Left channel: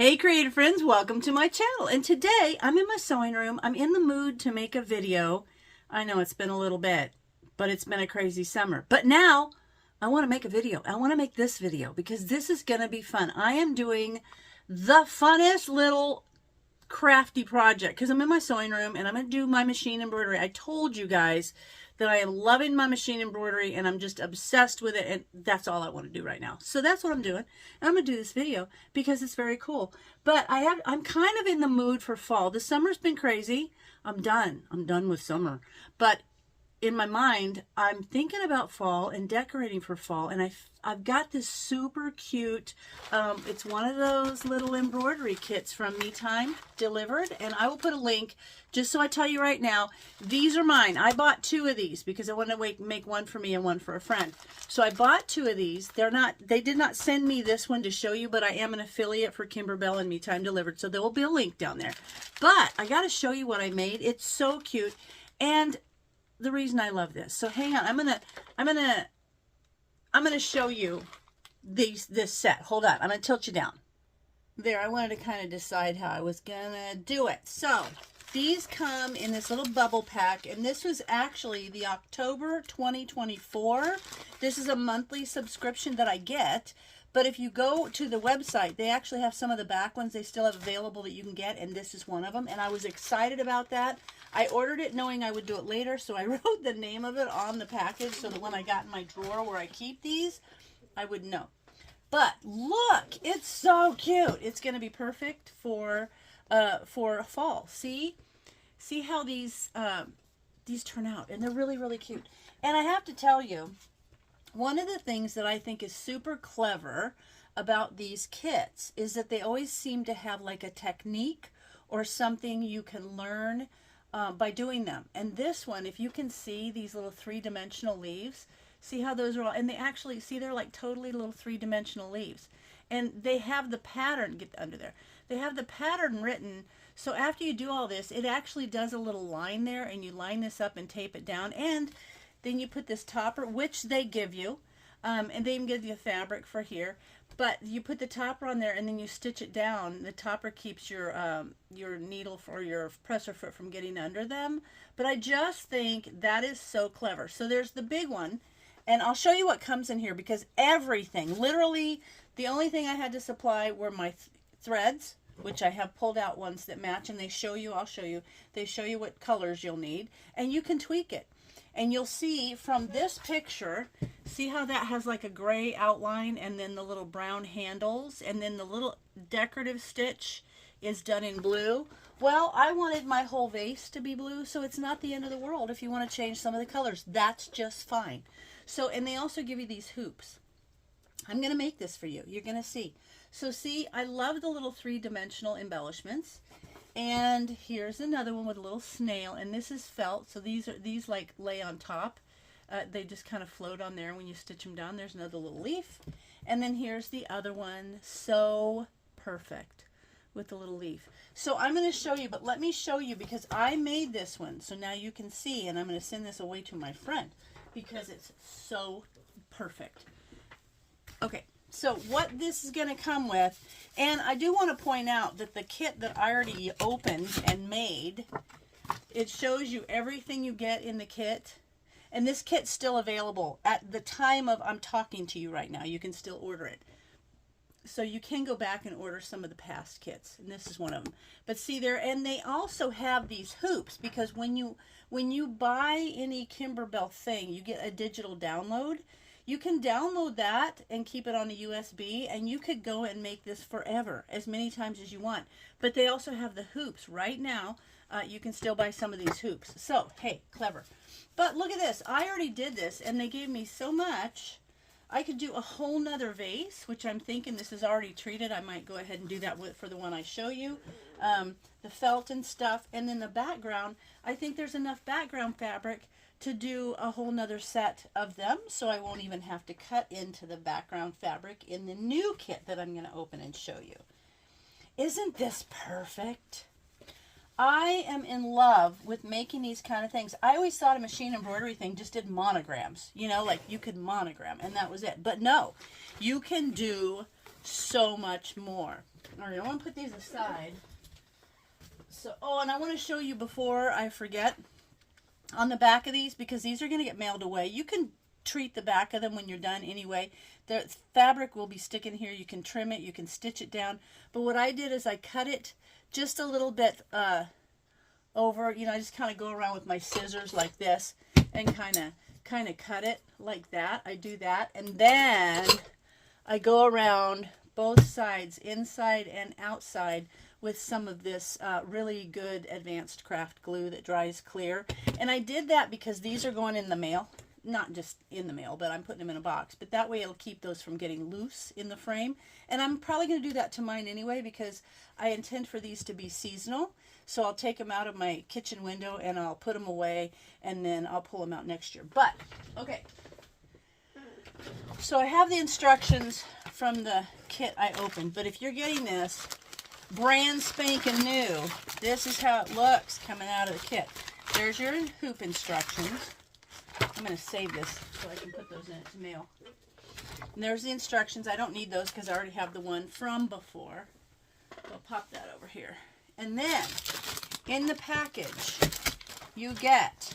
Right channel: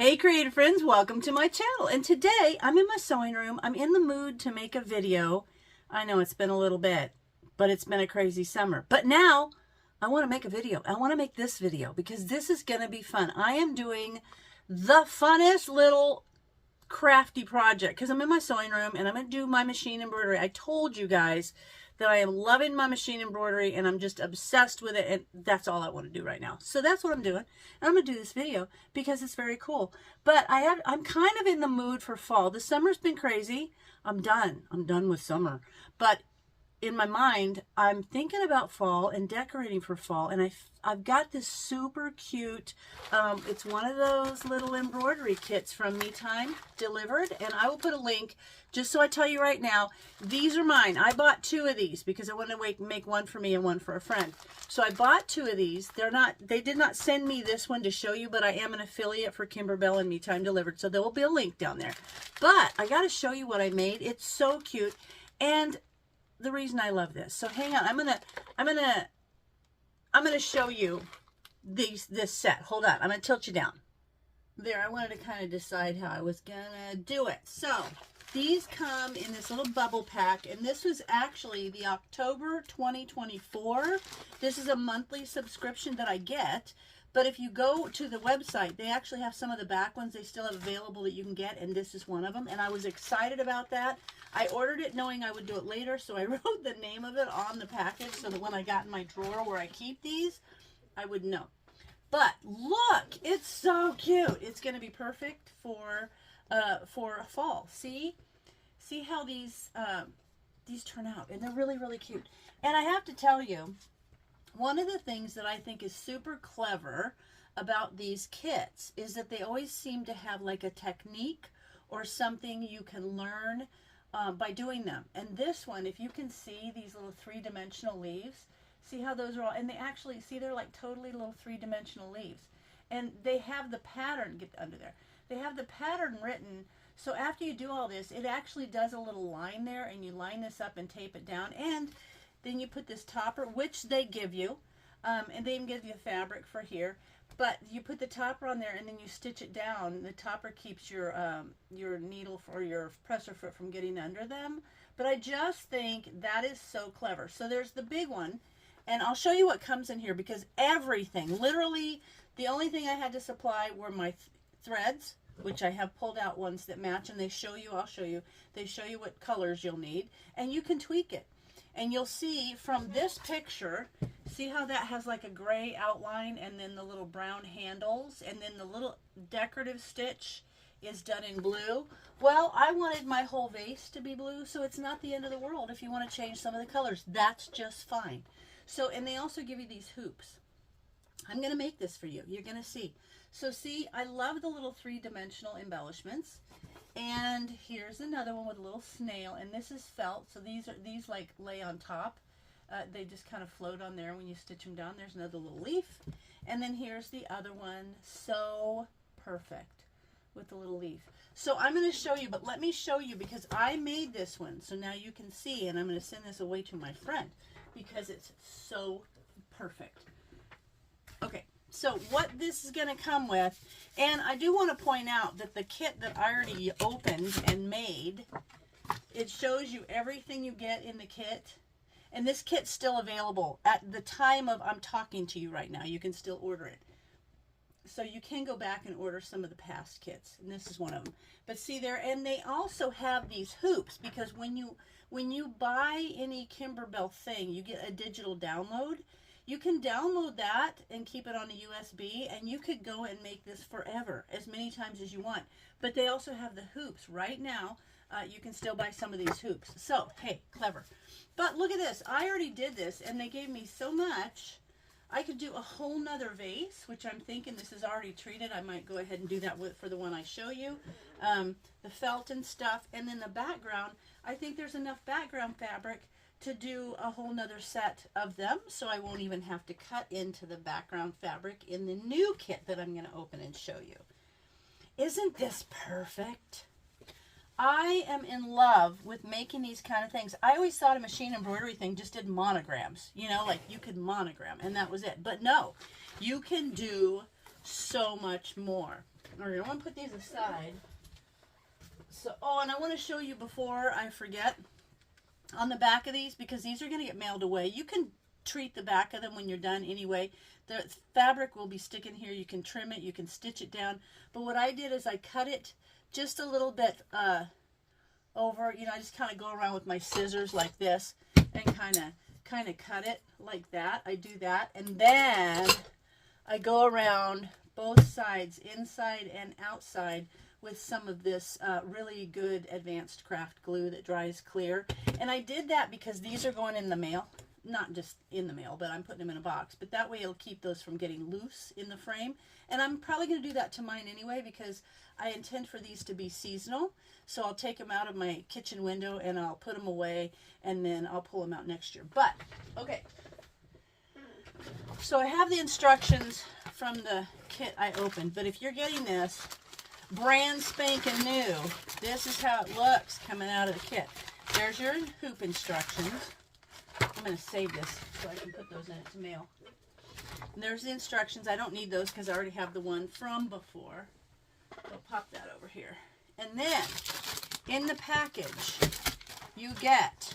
Hey creative friends, welcome to my channel. And today I'm in my sewing room. I'm in the mood to make a video. I know it's been a little bit, but it's been a crazy summer. But now I want to make a video. I want to make this video because this is going to be fun. I am doing the funnest little crafty project because I'm in my sewing room and I'm going to do my machine embroidery. I told you guys that I am loving my machine embroidery and I'm just obsessed with it, and that's all I want to do right now. So that's what I'm doing. And I'm going to do this video because it's very cool. But I'm kind of in the mood for fall. The summer's been crazy. I'm done. I'm done with summer. But in my mind, I'm thinking about fall and decorating for fall, and I've got this super cute, it's one of those little embroidery kits from Me Time delivered, and I will put a link. Just so I tell you right now, these are mine. I bought 2 of these because I wanted to make one for me and one for a friend. So I bought 2 of these. They did not send me this one to show you, but I am an affiliate for Kimberbell and Me Time Delivered, so there will be a link down there. But I got to show you what I made. It's so cute, and the reason I love this. So hang on, I'm gonna show you this set. Hold on, I'm gonna tilt you down. There, I wanted to kind of decide how I was gonna do it. So these come in this little bubble pack, and this was actually the October 2024. This is a monthly subscription that I get, but if you go to the website, they actually have some of the back ones they still have available that you can get, and this is one of them, and I was excited about that. I ordered it knowing I would do it later, so I wrote the name of it on the package so that when I got in my drawer where I keep these, I would know. But look, it's so cute. It's going to be perfect for fall. See how these turn out, and they're really, really cute. And I have to tell you, one of the things that I think is super clever about these kits is that they always seem to have like a technique or something you can learn by doing them. And this one, if you can see these little 3-dimensional leaves, see how those are all, and they actually, see, they're like totally little 3-dimensional leaves. And they have the pattern, get under there, they have the pattern written, so after you do all this, it actually does a little line there, and you line this up and tape it down, and then you put this topper, which they give you, and they even give you a fabric for here, but you put the topper on there and then you stitch it down. The topper keeps your needle or your presser foot from getting under them. But I just think that is so clever. So there's the big one, and I'll show you what comes in here because everything, literally, the only thing I had to supply were my threads, which I have pulled out ones that match, and they show you, I'll show you, they show you what colors you'll need, and you can tweak it. And you'll see from this picture, see how that has like a gray outline and then the little brown handles, and then the little decorative stitch is done in blue. Well, I wanted my whole vase to be blue, so it's not the end of the world if you want to change some of the colors. That's just fine. So, and they also give you these hoops. I'm going to make this for you. You're going to see. So see, I love the little 3-dimensional embellishments. And here's another one with a little snail, and this is felt, so these like lay on top. They just kind of float on there when you stitch them down. There's another little leaf, and then here's the other one, so perfect with the little leaf. So I'm going to show you, but let me show you because I made this one, so now you can see, and I'm going to send this away to my friend because it's so perfect. Okay. So what this is going to come with, and I do want to point out that the kit that I already opened and made, it shows you everything you get in the kit, and this kit's still available at the time of I'm talking to you right now. You can still order it. So you can go back and order some of the past kits, and this is one of them. But see there, and they also have these hoops because when you buy any Kimberbell thing, you get a digital download. You can download that and keep it on a USB, and you could go and make this forever, as many times as you want. But they also have the hoops. Right now, you can still buy some of these hoops. So, hey, clever. But look at this. I already did this, and they gave me so much. I could do a whole nother vase, which I'm thinking this is already treated. I might go ahead and do that for the one I show you. The felt and stuff. And then the background, I think there's enough background fabric to do a whole nother set of them, so I won't even have to cut into the background fabric in the new kit that I'm going to open and show you. Isn't this perfect? I am in love with making these kind of things. I always thought a machine embroidery thing just did monograms, you know, like you could monogram and that was it. But no, you can do so much more. All right, I want to put these aside. So, oh, and I want to show you before I forget, on the back of these, because these are going to get mailed away. You can treat the back of them when you're done anyway. The fabric will be sticking here. You can trim it, you can stitch it down. But what I did is I cut it just a little bit over. You know, I just kind of go around with my scissors like this and kind of cut it like that. I do that, and then I go around both sides, inside and outside, with some of this really good advanced craft glue that dries clear. And I did that because these are going in the mail. Not just in the mail, but I'm putting them in a box. But that way it'll keep those from getting loose in the frame. And I'm probably going to do that to mine anyway, because I intend for these to be seasonal. So I'll take them out of my kitchen window and I'll put them away, and then I'll pull them out next year. But, okay. So I have the instructions from the kit I opened. But if you're getting this brand spanking new, this is how it looks coming out of the kit. There's your hoop instructions. I'm going to save this so I can put those in its mail. And there's the instructions. I don't need those because I already have the one from before. We'll pop that over here. And then, in the package, you get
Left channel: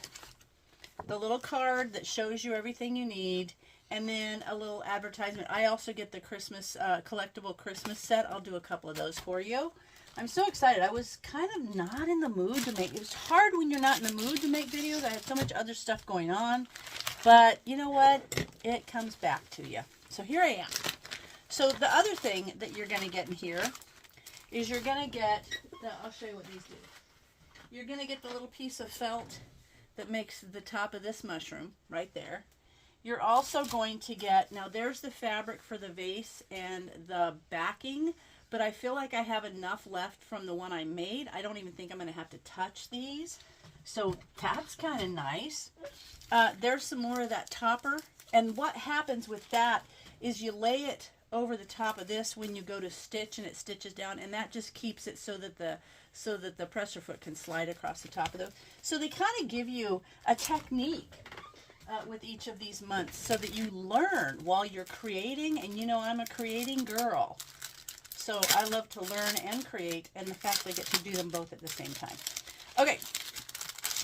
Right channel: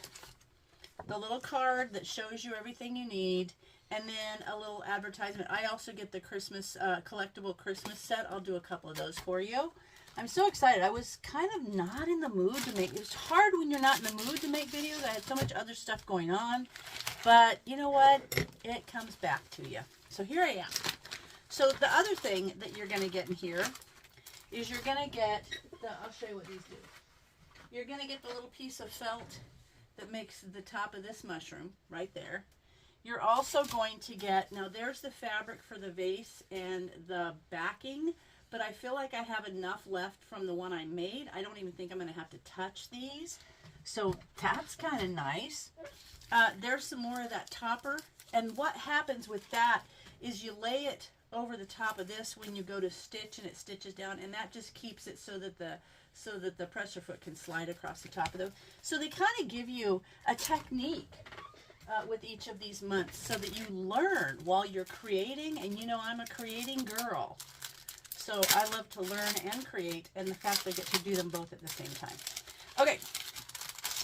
the little card that shows you everything you need, and then a little advertisement. I also get the Christmas, collectible Christmas set. I'll do a couple of those for you. I'm so excited. I was kind of not in the mood to make, it's hard when you're not in the mood to make videos. I had so much other stuff going on, but you know what? It comes back to you. So here I am. So the other thing that you're going to get in here is you're going to get the, I'll show you what these do. You're going to get the little piece of felt that makes the top of this mushroom right there. You're also going to get, now there's the fabric for the vase and the backing, but I feel like I have enough left from the one I made. I don't even think I'm going to have to touch these. So that's kind of nice. There's some more of that topper. And what happens with that is you lay it over the top of this when you go to stitch, and it stitches down, and that just keeps it so that the presser foot can slide across the top of those. So they kind of give you a technique with each of these months so that you learn while you're creating. And you know, I'm a creating girl. So I love to learn and create, and the fact I get to do them both at the same time. Okay,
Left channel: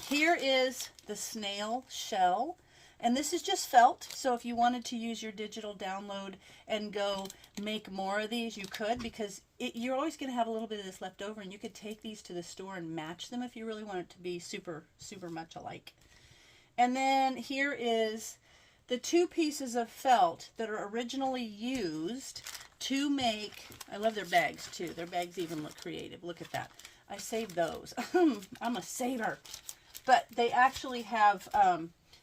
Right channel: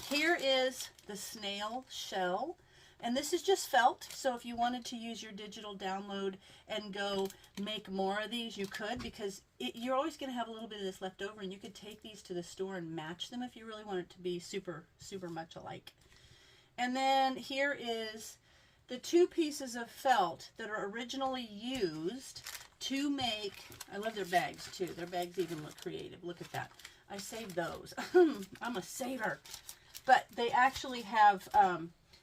here is the snail shell, and this is just felt. So if you wanted to use your digital download and go make more of these, you could, because you're always going to have a little bit of this left over, and you could take these to the store and match them if you really want it to be super, super much alike. And then here is the two pieces of felt that are originally used to make, I love their bags too. Their bags even look creative. Look at that. I saved those. I'm a saver. But they actually have,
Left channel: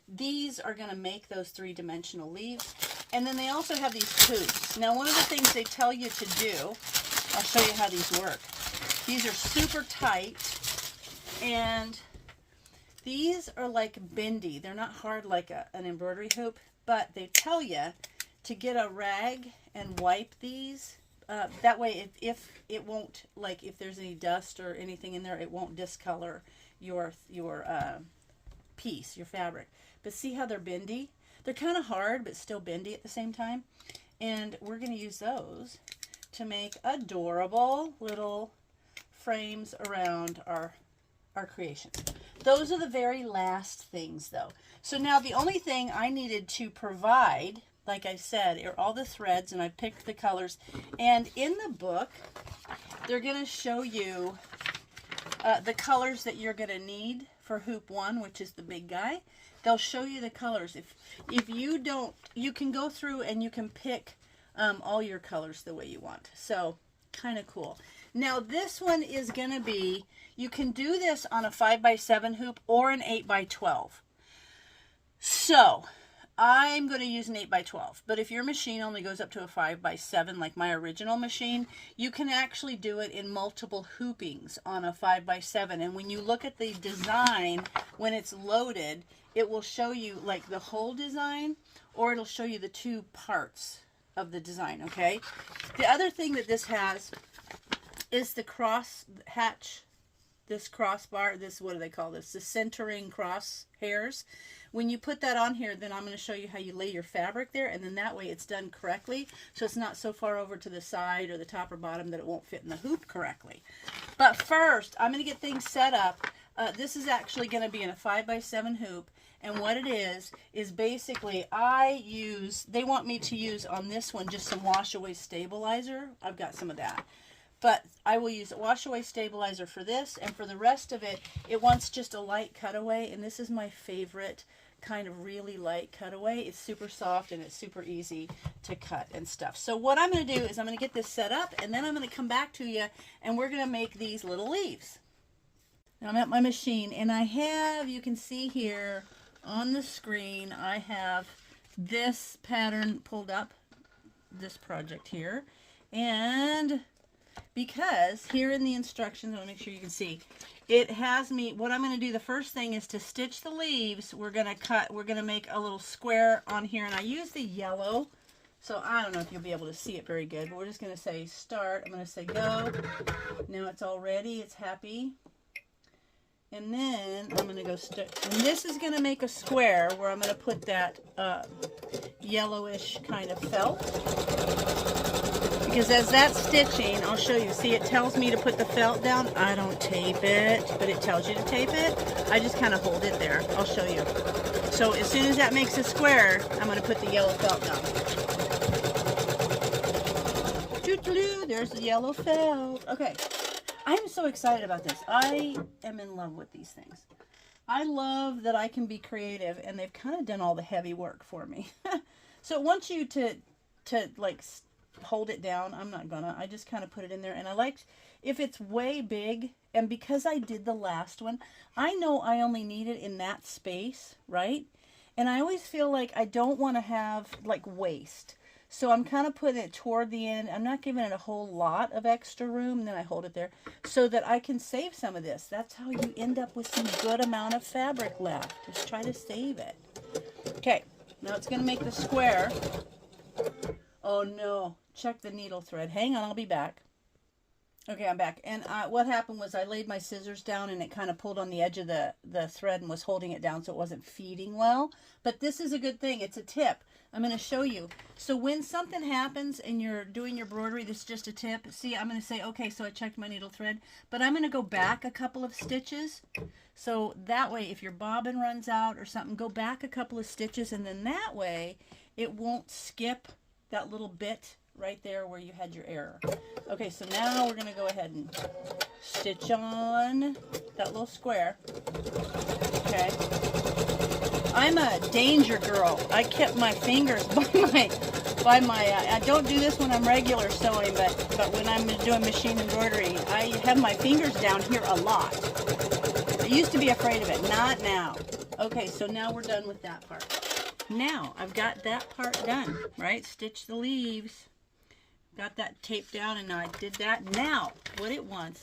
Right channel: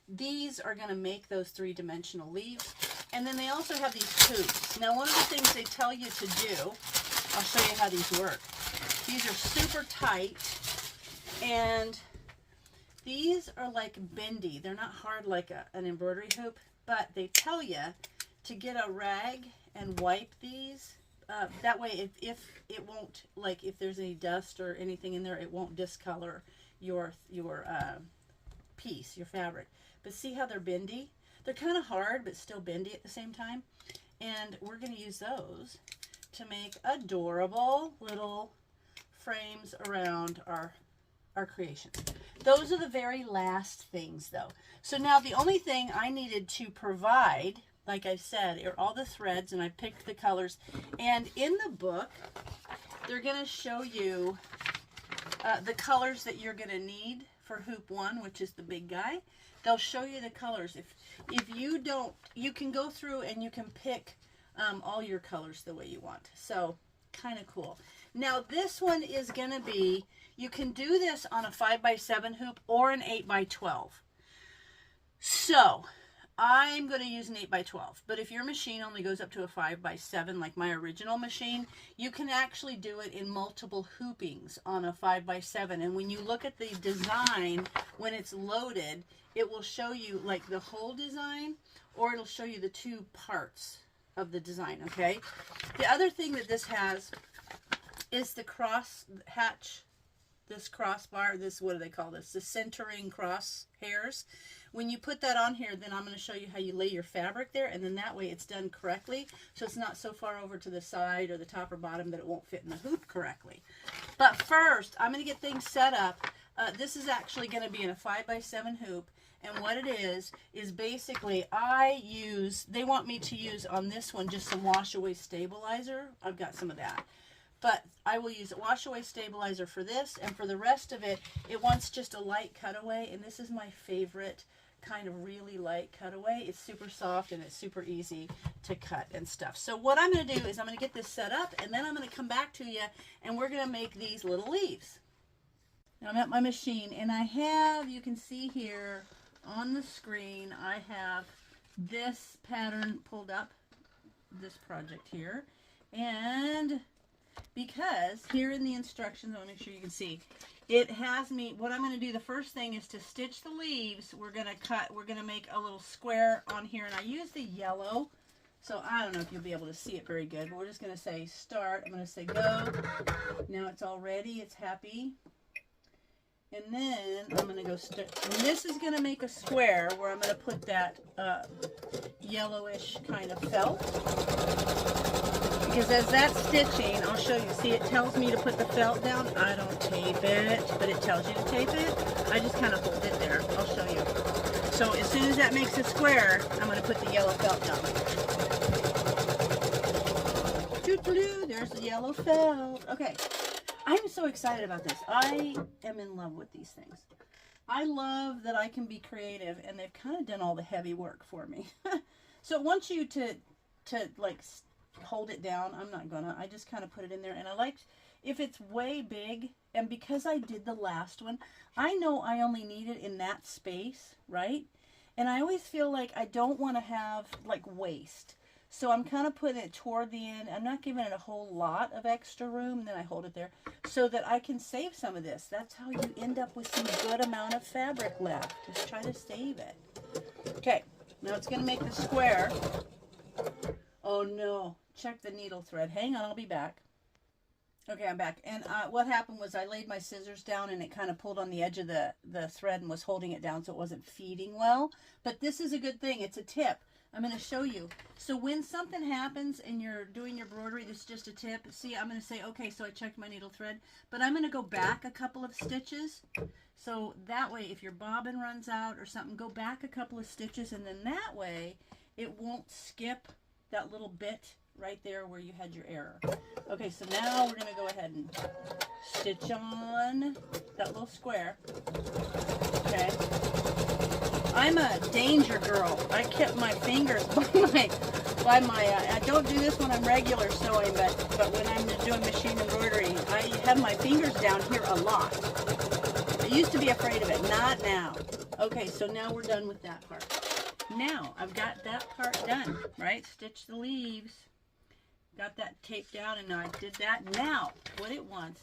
these are going to make those three-dimensional leaves. And then they also have these hoops. Now, one of the things they tell you to do, I'll show you how these work. These are super tight, and these are like bendy. They're not hard like an embroidery hoop, but they tell you to get a rag and wipe these. That way, if it won't, like if there's any dust or anything in there, it won't discolor your piece, your fabric. But see how they're bendy? They're kind of hard, but still bendy at the same time. And we're going to use those to make adorable little frames around our creations. Those are the very last things, though. So now the only thing I needed to provide, like I said, are all the threads, and I picked the colors. And in the book, they're going to show you the colors that you're going to need for hoop 1, which is the big guy. They'll show you the colors. If you don't, you can go through and you can pick all your colors the way you want. So kind of cool. Now this one is going to be, you can do this on a 5x7 hoop or an 8x12. So I'm going to use an 8x12, but if your machine only goes up to a 5x7, like my original machine, you can actually do it in multiple hoopings on a 5x7. And when you look at the design, when it's loaded, it will show you like the whole design, or it'll show you the two parts of the design, okay? The other thing that this has is the cross hatch, this crossbar, this, what do they call this? The centering cross hairs, When you put that on here, then I'm going to show you how you lay your fabric there, and then that way it's done correctly, so it's not so far over to the side or the top or bottom that it won't fit in the hoop correctly. But first, I'm going to get things set up. This is actually going to be in a 5x7 hoop, and what it is basically they want me to use on this one just some wash away stabilizer. I've got some of that. But I will use wash away stabilizer for this, and for the rest of it, it wants just a light cutaway, and this is my favorite kind of really light cutaway. It's super soft and it's super easy to cut and stuff. So what I'm going to do is I'm going to get this set up, and then I'm going to come back to you, and we're going to make these little leaves. Now I'm at my machine, and I have, you can see here on the screen, I have this pattern pulled up, this project here, and because here in the instructions, I want to make sure you can see, it has me, what I'm going to do, the first thing is to stitch the leaves. We're going to make a little square on here, and I use the yellow, so I don't know if you'll be able to see it very good, but we're just going to say start. I'm going to say go. Now it's all ready, it's happy. And then I'm going to go stitch, and this is going to make a square where I'm going to put that yellowish kind of felt. Because as that's stitching, I'll show you. See, it tells me to put the felt down. I don't tape it, but it tells you to tape it. I just kind of hold it there. I'll show you. So as soon as that makes a square, I'm going to put the yellow felt down. Doo-doo-doo, there's the yellow felt. Okay. I'm so excited about this. I am in love with these things. I love that I can be creative, and they've kind of done all the heavy work for me. So it wants you to like hold it down. I'm not gonna. I just kind of put it in there, and I like if it's way big, and because I did the last one, I know I only need it in that space, right? And I always feel like I don't want to have like waste. So I'm kind of putting it toward the end. I'm not giving it a whole lot of extra room. Then I hold it there so that I can save some of this. That's how you end up with some good amount of fabric left. Just try to save it. Okay, now it's going to make the square. Oh no, check the needle thread. Hang on, I'll be back. Okay, I'm back. And what happened was I laid my scissors down, and it kind of pulled on the edge of the thread and was holding it down, so it wasn't feeding well. But this is a good thing. It's a tip. I'm going to show you. So when something happens and you're doing your embroidery, this is just a tip. See, I'm going to say, okay, so I checked my needle thread, but I'm going to go back a couple of stitches. So that way, if your bobbin runs out or something, go back a couple of stitches, and then that way it won't skip that little bit right there where you had your error. Okay, so now we're going to go ahead and stitch on that little square. Okay. I'm a danger girl. I kept my fingers by my I don't do this when I'm regular sewing, but when I'm doing machine embroidery, I have my fingers down here a lot. I used to be afraid of it, not now. Okay, so now we're done with that part. Now, I've got that part done, right? Stitch the leaves. Got that taped down, and now I did that. Now, what it wants,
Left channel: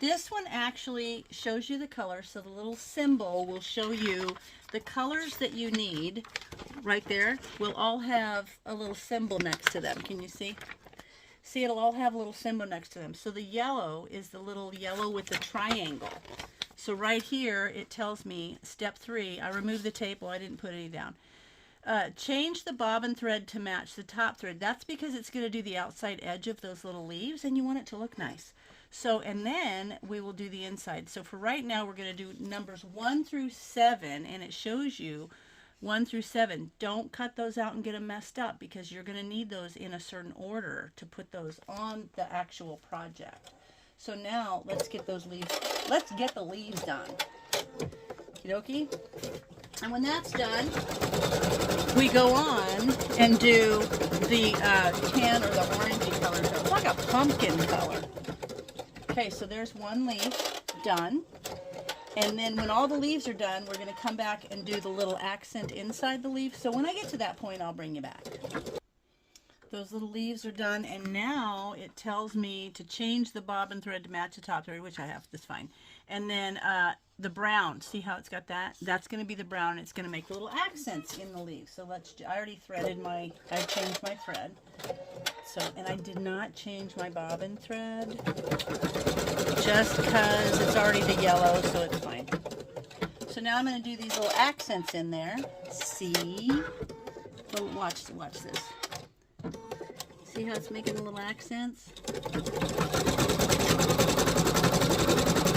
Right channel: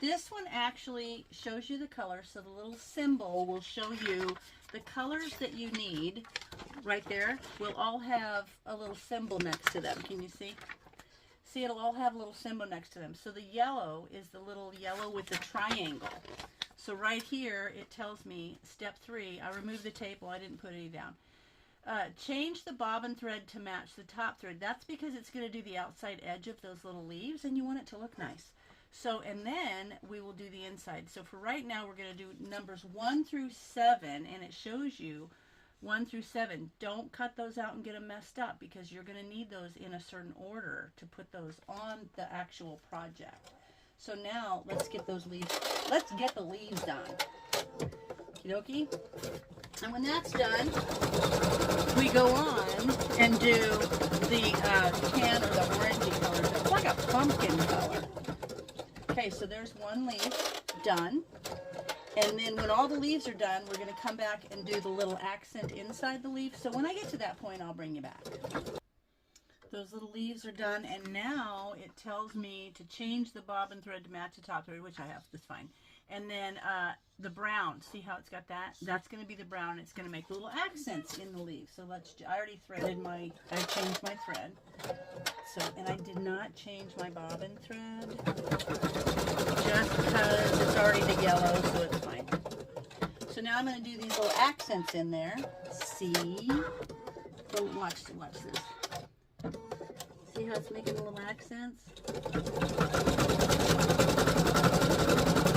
this one actually shows you the color, so the little symbol will show you the colors that you need. Right there will all have a little symbol next to them. Can you see? See, it'll all have a little symbol next to them. So the yellow is the little yellow with the triangle. So right here, it tells me, step 3, I removed the tape. Well, I didn't put any down. Change the bobbin thread to match the top thread. That's because it's going to do the outside edge of those little leaves, and you want it to look nice. So, and then we will do the inside. So for right now, we're going to do numbers 1 through 7, and it shows you 1 through 7. Don't cut those out and get them messed up, because you're going to need those in a certain order to put those on the actual project. So now let's get those leaves. Let's get the leaves done. Okie dokie. And when that's done, we go on and do the tan or the orangey color. It's like a pumpkin color. Okay, so there's one leaf done. And then when all the leaves are done, we're going to come back and do the little accent inside the leaf. So when I get to that point, I'll bring you back. Those little leaves are done, and now it tells me to change the bobbin thread to match the top thread, which I have. That's fine. And then the brown, see how it's got that? That's going to be the brown. It's going to make little accents in the leaves. So let's, I already threaded I changed my thread. So, and I did not change my bobbin thread, just because it's already the yellow, so it's fine. So now now I'm going to do these little accents in there. See? Go watch this. See how it's making little accents?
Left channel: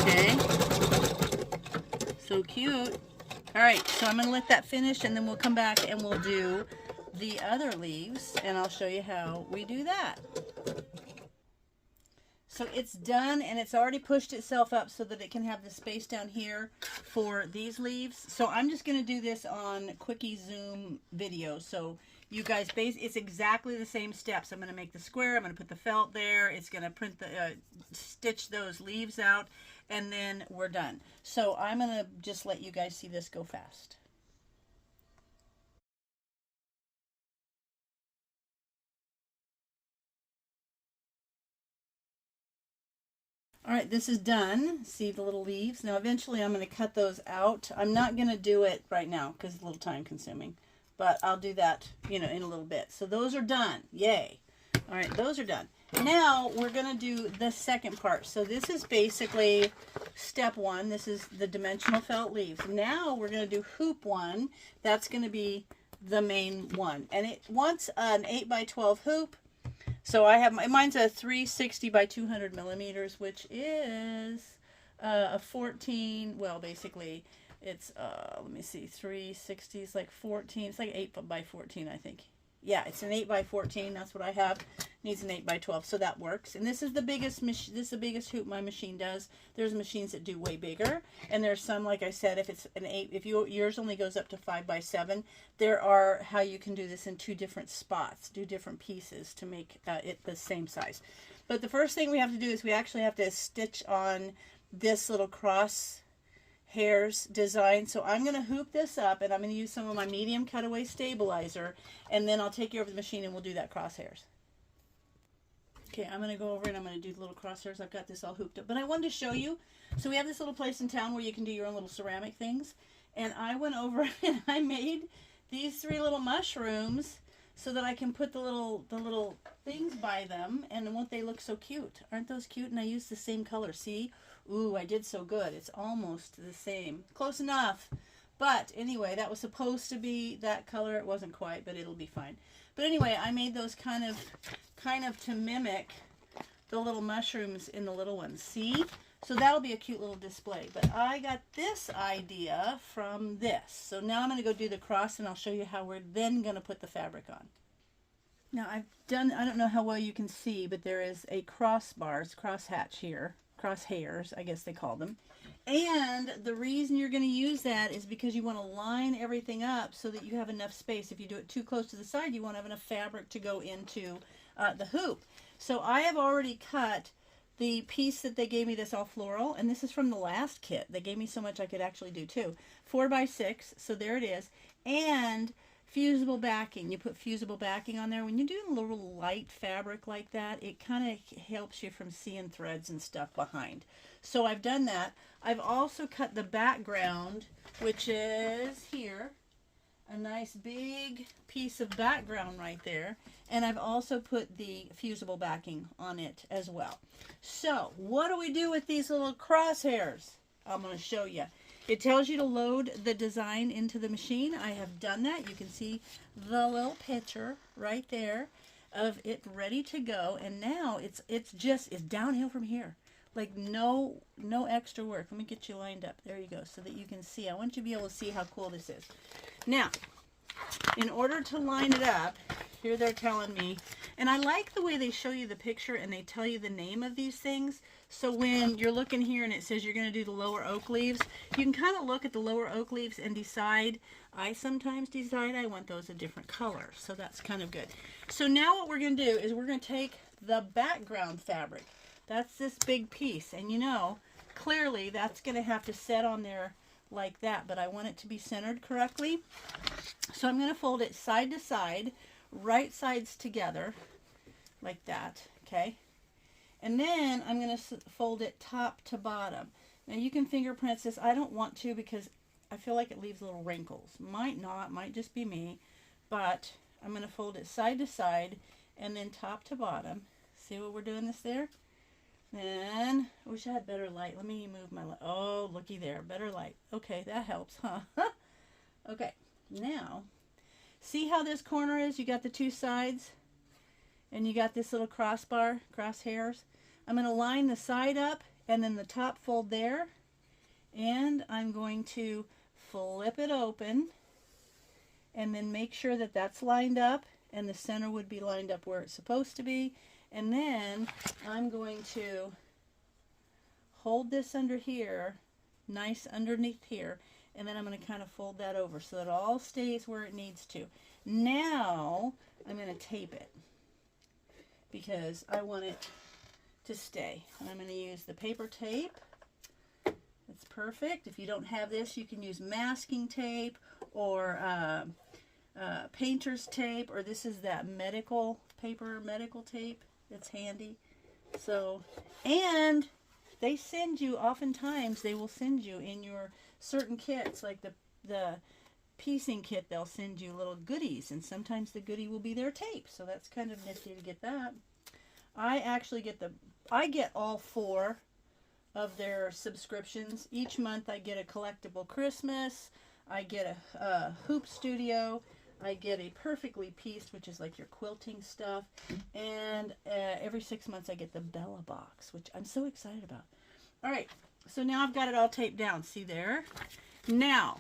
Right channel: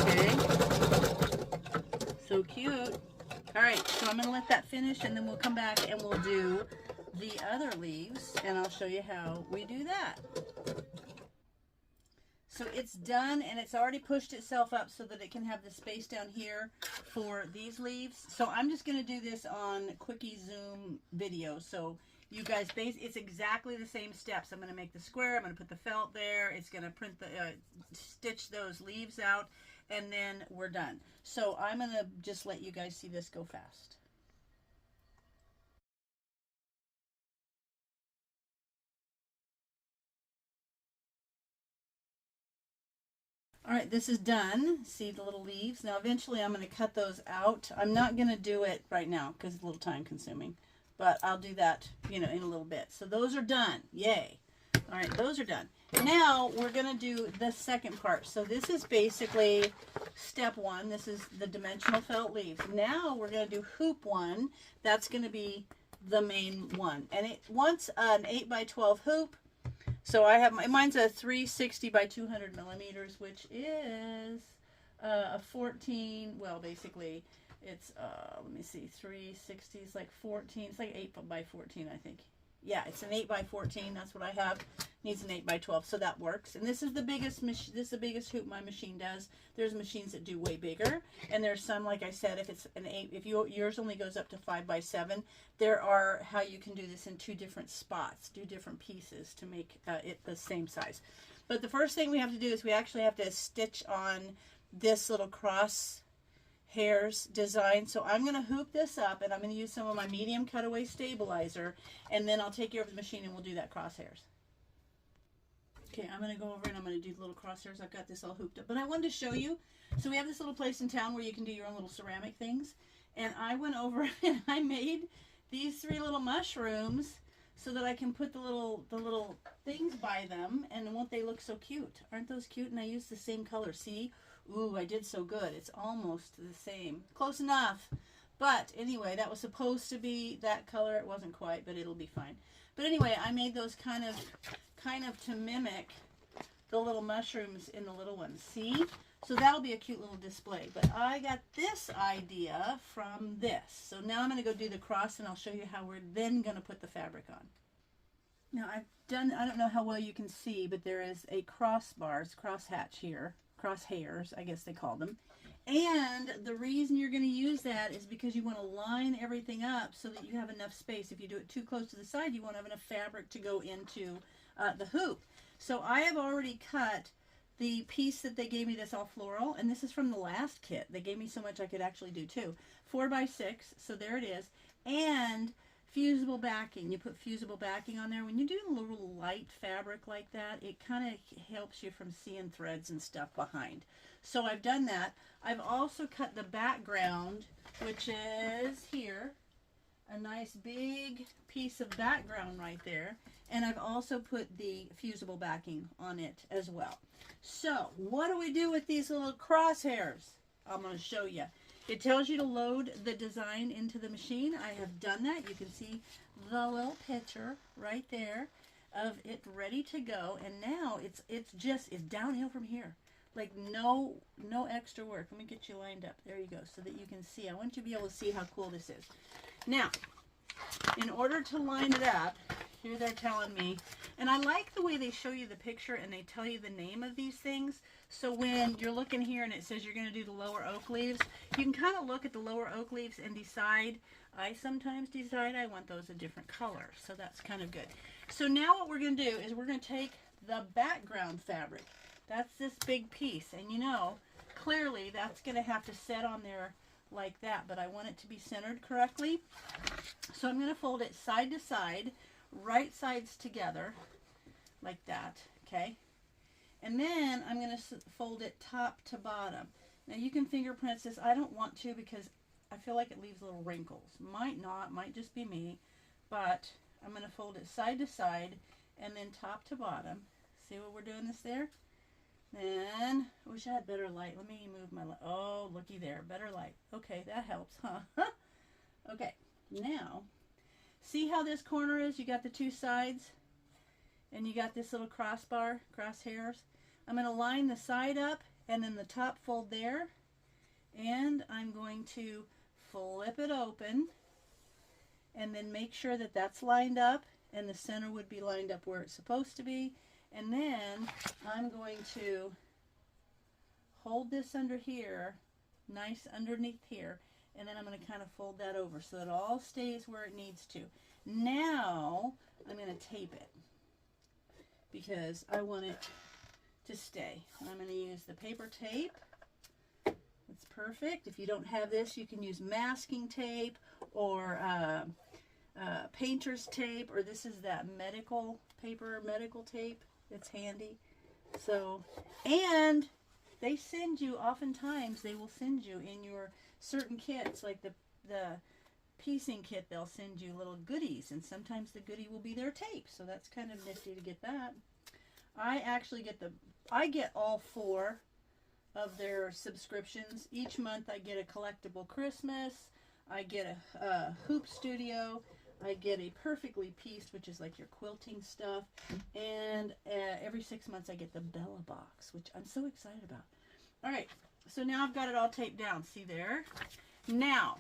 Okay. So cute. All right, so I'm going to let that finish, and then we'll come back and we'll do the other leaves, and I'll show you how we do that. So it's done, and it's already pushed itself up so that it can have the space down here for these leaves. So I'm just going to do this on quickie zoom video. So you guys, it's exactly the same steps. I'm going to make the square. I'm going to put the felt there. It's going to print the stitch those leaves out, and then we're done. So I'm going to just let you guys see this go fast. All right, this is done. See the little leaves? Now eventually I'm going to cut those out. I'm not going to do it right now because it's a little time consuming, but I'll do that, you know, in a little bit. So those are done. Yay. All right, those are done. Now we're going to do the second part. So this is basically step one. This is the dimensional felt leaves. Now we're going to do hoop one. That's going to be the main one. And it wants an 8x12 hoop. So I have, mine's a 360 by 200 millimeters, which is a 14, well, basically it's, let me see, 360 is like 14, it's like 8 by 14, I think. Yeah, it's an 8 by 14, that's what I have. Needs an 8 by 12, so that works. And this is the biggest hoop my machine does. There's machines that do way bigger, and there's some, like I said, if it's an 8, if yours only goes up to 5 by 7, there are how you can do this in 2 different spots, do different pieces to make it the same size. But the first thing we have to do is we actually have to stitch on this little cross hairs design. So I'm going to hoop this up, and I'm going to use some of my medium cutaway stabilizer, and then I'll take you over the machine and we'll do that crosshairs. Okay, I'm going to go over and I'm going to do the little crosshairs. I've got this all hooped up, but I wanted to show you. So we have this little place in town where you can do your own little ceramic things, and I went over and I made these 3 little mushrooms so that I can put the little things by them, and won't they look so cute? Aren't those cute? And I used the same color. See? Ooh, I did so good. It's almost the same. Close enough. But anyway, that was supposed to be that color. It wasn't quite, but it'll be fine. But anyway, I made those kind of to mimic the little mushrooms in the little ones. See? So that'll be a cute little display. But I got this idea from this. So now I'm going to go do the cross, and I'll show you how we're then going to put the fabric on. Now I've done, I don't know how well you can see, but there is a crossbars, crosshatch here. Crosshairs, I guess they call them. And the reason you're going to use that is because you want to line everything up so that you have enough space. If you do it too close to the side, you won't have enough fabric to go into the hoop. So I have already cut the piece that they gave me, this all floral, and this is from the last kit. They gave me so much I could actually do too. 4 by 6, so there it is. And fusible backing. You put fusible backing on there. When you're doing a little light fabric like that, it kind of helps you from seeing threads and stuff behind. So I've done that. I've also cut the background, which is here. A nice big piece of background right there. And I've also put the fusible backing on it as well. So what do we do with these little crosshairs? I'm going to show you. It tells you to load the design into the machine. I have done that. You can see the little picture right there of it ready to go. And now it's downhill from here. Like no extra work. Let me get you lined up. There you go, so that you can see. I want you to be able to see how cool this is. Now, in order to line it up, here they're telling me, and I like the way they show you the picture and they tell you the name of these things. So when you're looking here and it says you're going to do the lower oak leaves, you can kind of look at the lower oak leaves and decide. I sometimes decide I want those a different color, so that's kind of good. So now what we're going to do is we're going to take the background fabric. That's this big piece, and you know, clearly that's going to have to set on there like that, but I want it to be centered correctly. So I'm going to fold it side to side, right sides together, like that, okay? And then I'm going to fold it top to bottom. Now you can fingerprint this. I don't want to because I feel like it leaves little wrinkles. Might not, might just be me, but I'm going to fold it side to side and then top to bottom. See what we're doing this there? Then I wish I had better light. Let me move my light. Oh, looky there. Better light. Okay, that helps, huh? Okay, now, see how this corner is? You got the two sides, and you got this little crossbar, crosshairs. I'm going to line the side up, and then the top fold there, and I'm going to flip it open, and then make sure that that's lined up, and the center would be lined up where it's supposed to be. And then I'm going to hold this under here, nice underneath here, and then I'm going to kind of fold that over so that it all stays where it needs to. Now I'm going to tape it because I want it to stay. I'm going to use the paper tape. It's perfect. If you don't have this, you can use masking tape or painter's tape, or this is that medical paper, medical tape. It's handy. So, and they send you, oftentimes they will send you in your certain kits, like the piecing kit, they'll send you little goodies, and sometimes the goodie will be their tape. So that's kind of nifty to get that. I actually get I get all 4 of their subscriptions. Each month I get a collectible Christmas, I get a hoop studio, I get a perfectly pieced, which is like your quilting stuff, and every 6 months I get the Bella box, which I'm so excited about. All right, so now I've got it all taped down. See there? Now,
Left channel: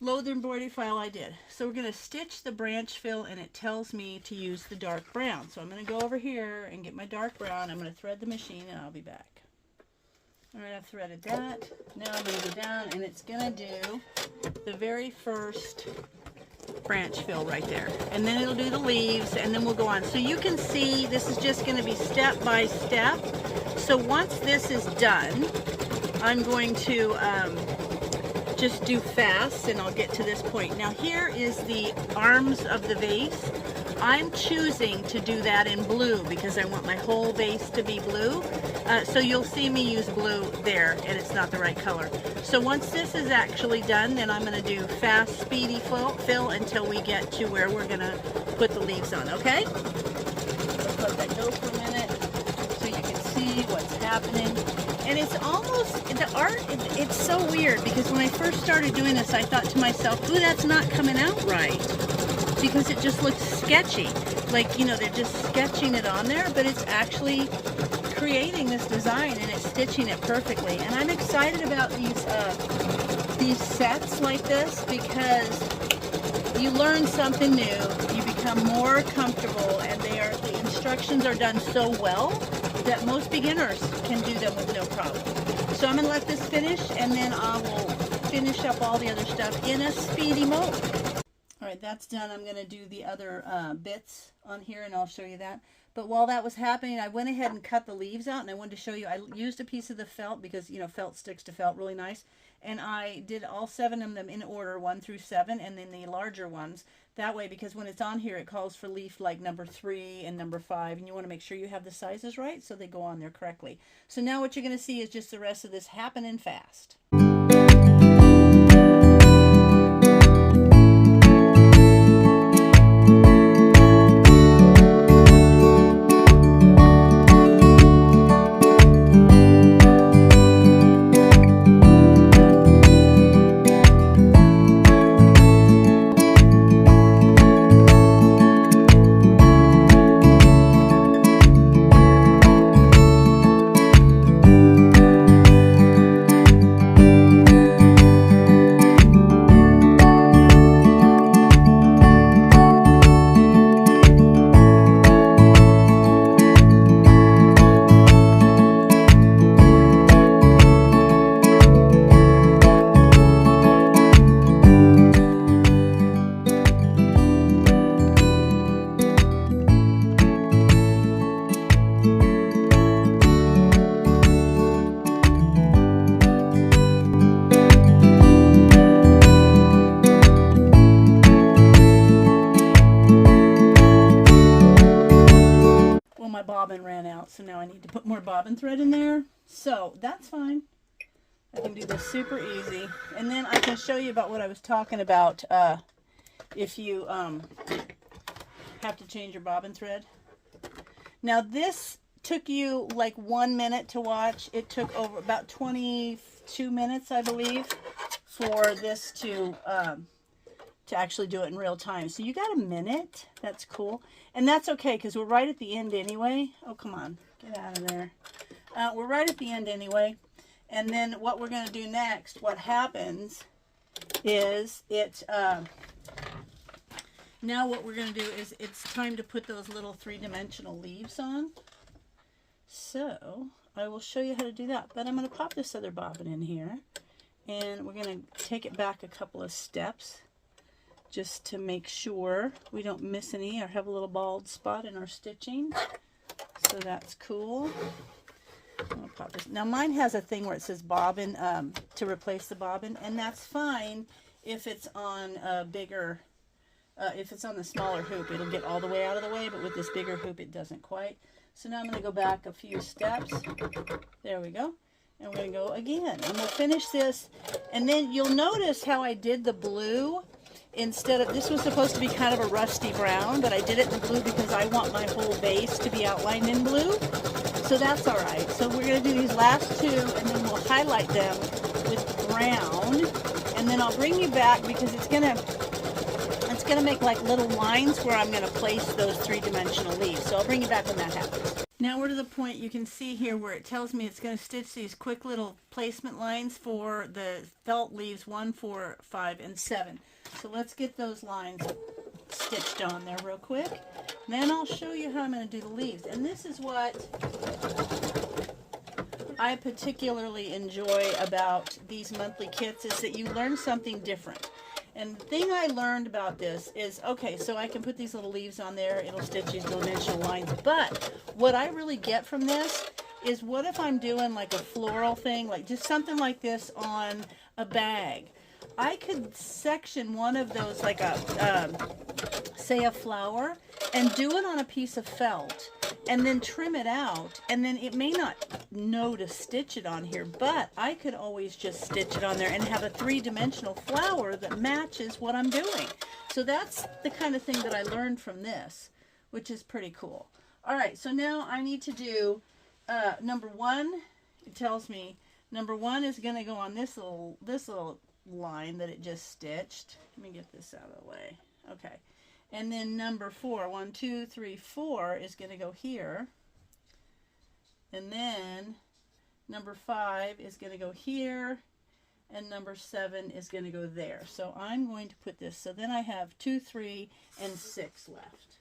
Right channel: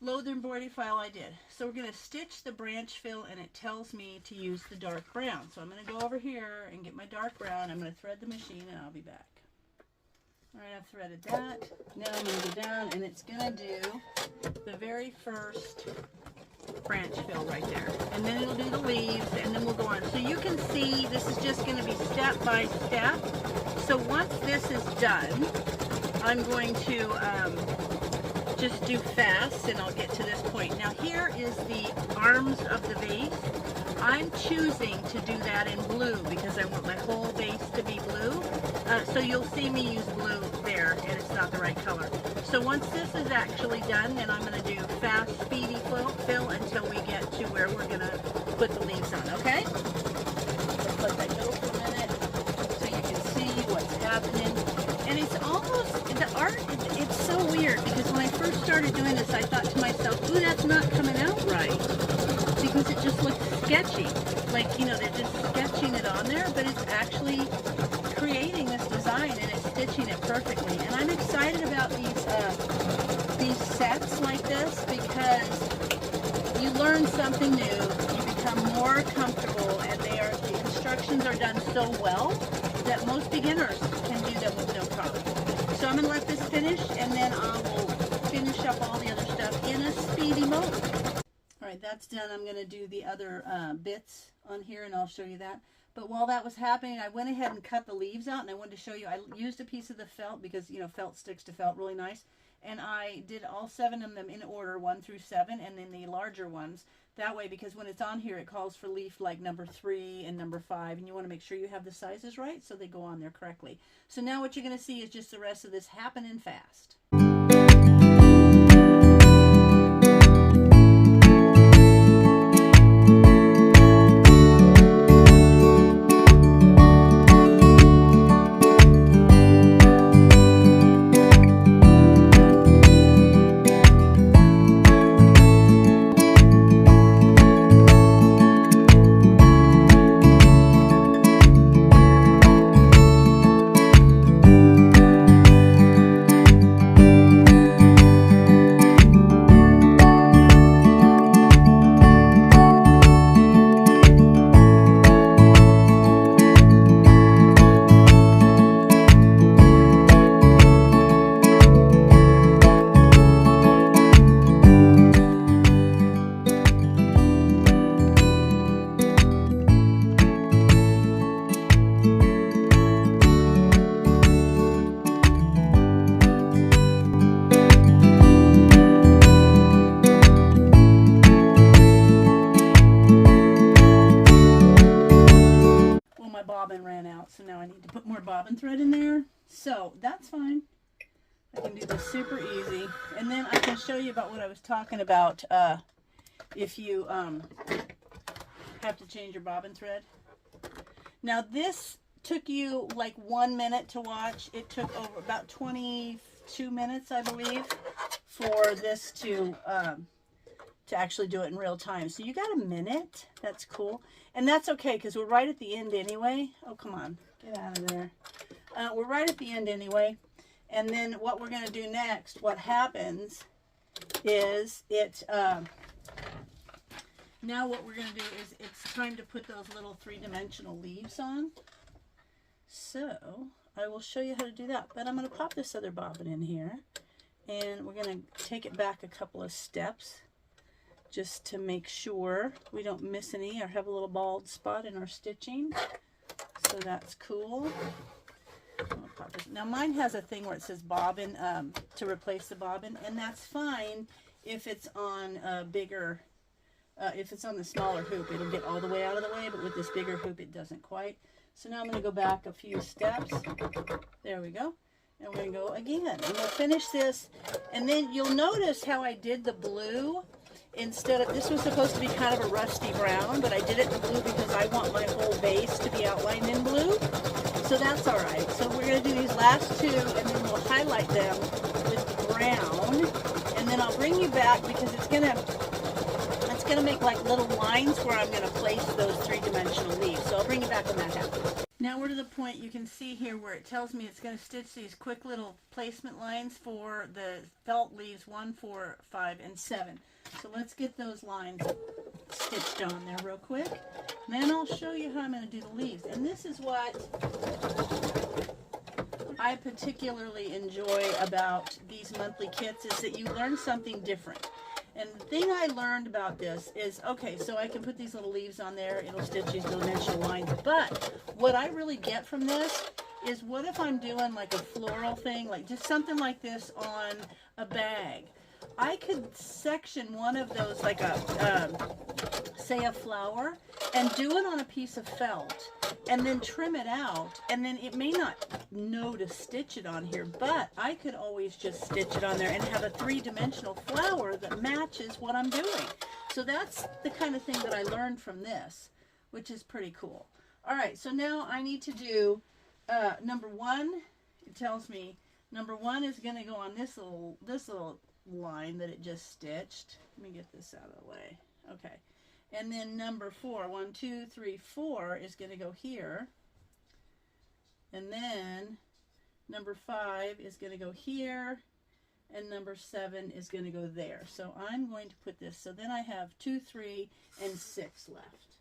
load the embroidery file I did. So we're going to stitch the branch fill, and it tells me to use the dark brown. So I'm going to go over here and get my dark brown. I'm going to thread the machine, and I'll be back. All right, I've threaded that. Now I'm going to go down, and it's going to do the very first branch fill right there, and then it'll do the leaves, and then we'll go on. So you can see this is just going to be step by step. So once this is done, I'm going to just do fast, and I'll get to this point. Now here is the arms of the vase. I'm choosing to do that in blue because I want my whole vase to be blue. So you'll see me use blue there, and it's not the right color. So once this is actually done, then I'm going to do fast, speedy fill until we get to where we're going to put the leaves on, okay? Let's let that go for a minute so you can see what's happening. And it's almost, the art, it's so weird because when I first started doing this, I thought to myself, ooh, that's not coming out right, because it just looks sketchy. Like, you know, they're just sketching it on there, but it's actually creating this design, and it's stitching it perfectly. And I'm excited about these sets like this because you learn something new, you become more comfortable, and the instructions are done so well that most beginners can do them with no problem. So I'm going to let this finish, and then I'll finish up all the other stuff in a speedy mode. All right, that's done. I'm going to do the other bits on here, and I'll show you that. But while that was happening, I went ahead and cut the leaves out, and I wanted to show you. I used a piece of the felt because, you know, felt sticks to felt really nice. And I did all 7 of them in order, 1 through 7, and then the larger ones. That way, because when it's on here, it calls for leaf like number 3 and number 5, and you want to make sure you have the sizes right so they go on there correctly. So now what you're going to see is just the rest of this happening fast. Bobbin ran out, so now I need to put more bobbin thread in there. So that's fine. I can do this super easy, and then I can show you about what I was talking about. If you have to change your bobbin thread. Now this took you like 1 minute to watch, it took over about 22 minutes, I believe, for this to actually do it in real time. So you got a minute. That's cool. And that's okay, because we're right at the end anyway. Oh, come on. Get out of there. We're right at the end anyway. And then what we're going to do next, what happens is now what we're going to do is it's time to put those little three-dimensional leaves on. So I will show you how to do that. But I'm going to pop this other bobbin in here. And we're going to take it back a couple of steps just to make sure we don't miss any or have a little bald spot in our stitching. So that's cool. Now mine has a thing where it says bobbin to replace the bobbin, and that's fine if it's on a bigger, if it's on the smaller hoop, it'll get all the way out of the way, but with this bigger hoop it doesn't quite. So now I'm going to go back a few steps. There we go. And we're going to go again. I'm going to finish this, and then you'll notice how I did the blue instead of, this was supposed to be kind of a rusty brown, but I did it in blue because I want my whole base to be outlined in blue. So that's all right. So we're going to do these last two, and then we'll highlight them with brown, and then I'll bring you back because it's going to make like little lines where I'm going to place those three-dimensional leaves. So I'll bring you back when that happens. Now we're to the point you can see here where it tells me it's going to stitch these quick little placement lines for the felt leaves 1, 4, 5, and 7. So let's get those lines stitched on there real quick. And then I'll show you how I'm going to do the leaves. And this is what I particularly enjoy about these monthly kits, is that you learn something different. And the thing I learned about this is, okay, so I can put these little leaves on there, it'll stitch these little dimensional lines, but what I really get from this is, what if I'm doing like a floral thing, like just something like this on a bag? I could section one of those, like a, say a flower, and do it on a piece of felt, and then trim it out, and then it may not know to stitch it on here, but I could always just stitch it on there and have a three-dimensional flower that matches what I'm doing. So that's the kind of thing that I learned from this, which is pretty cool. All right, so now I need to do number 1. It tells me number 1 is going to go on this little line that it just stitched. Let me get this out of the way. Okay. And then number 4, 1, 2, 3, 4 is going to go here. And then number 5 is going to go here. And number 7 is going to go there. So I'm going to put this. So then I have 2, 3, and 6 left.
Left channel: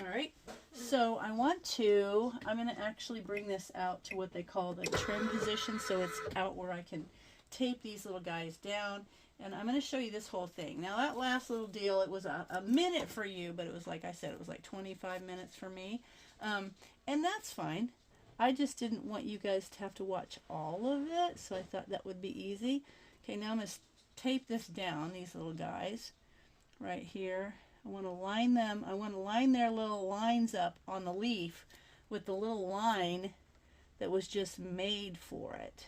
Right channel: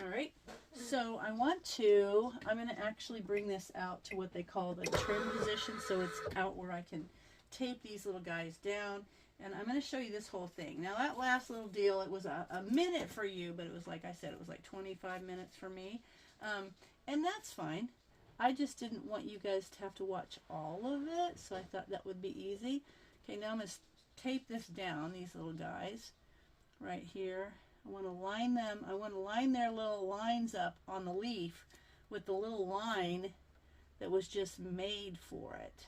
All right. So I'm going to actually bring this out to what they call the trim position. So it's out where I can tape these little guys down, and I'm going to show you this whole thing. Now that last little deal, it was a minute for you, but it was, like I said, it was like 25 minutes for me, and that's fine. I just didn't want you guys to have to watch all of it, so I thought that would be easy. Okay, now I'm going to tape this down, these little guys right here. I want to line them, I want to line their little lines up on the leaf with the little line that was just made for it.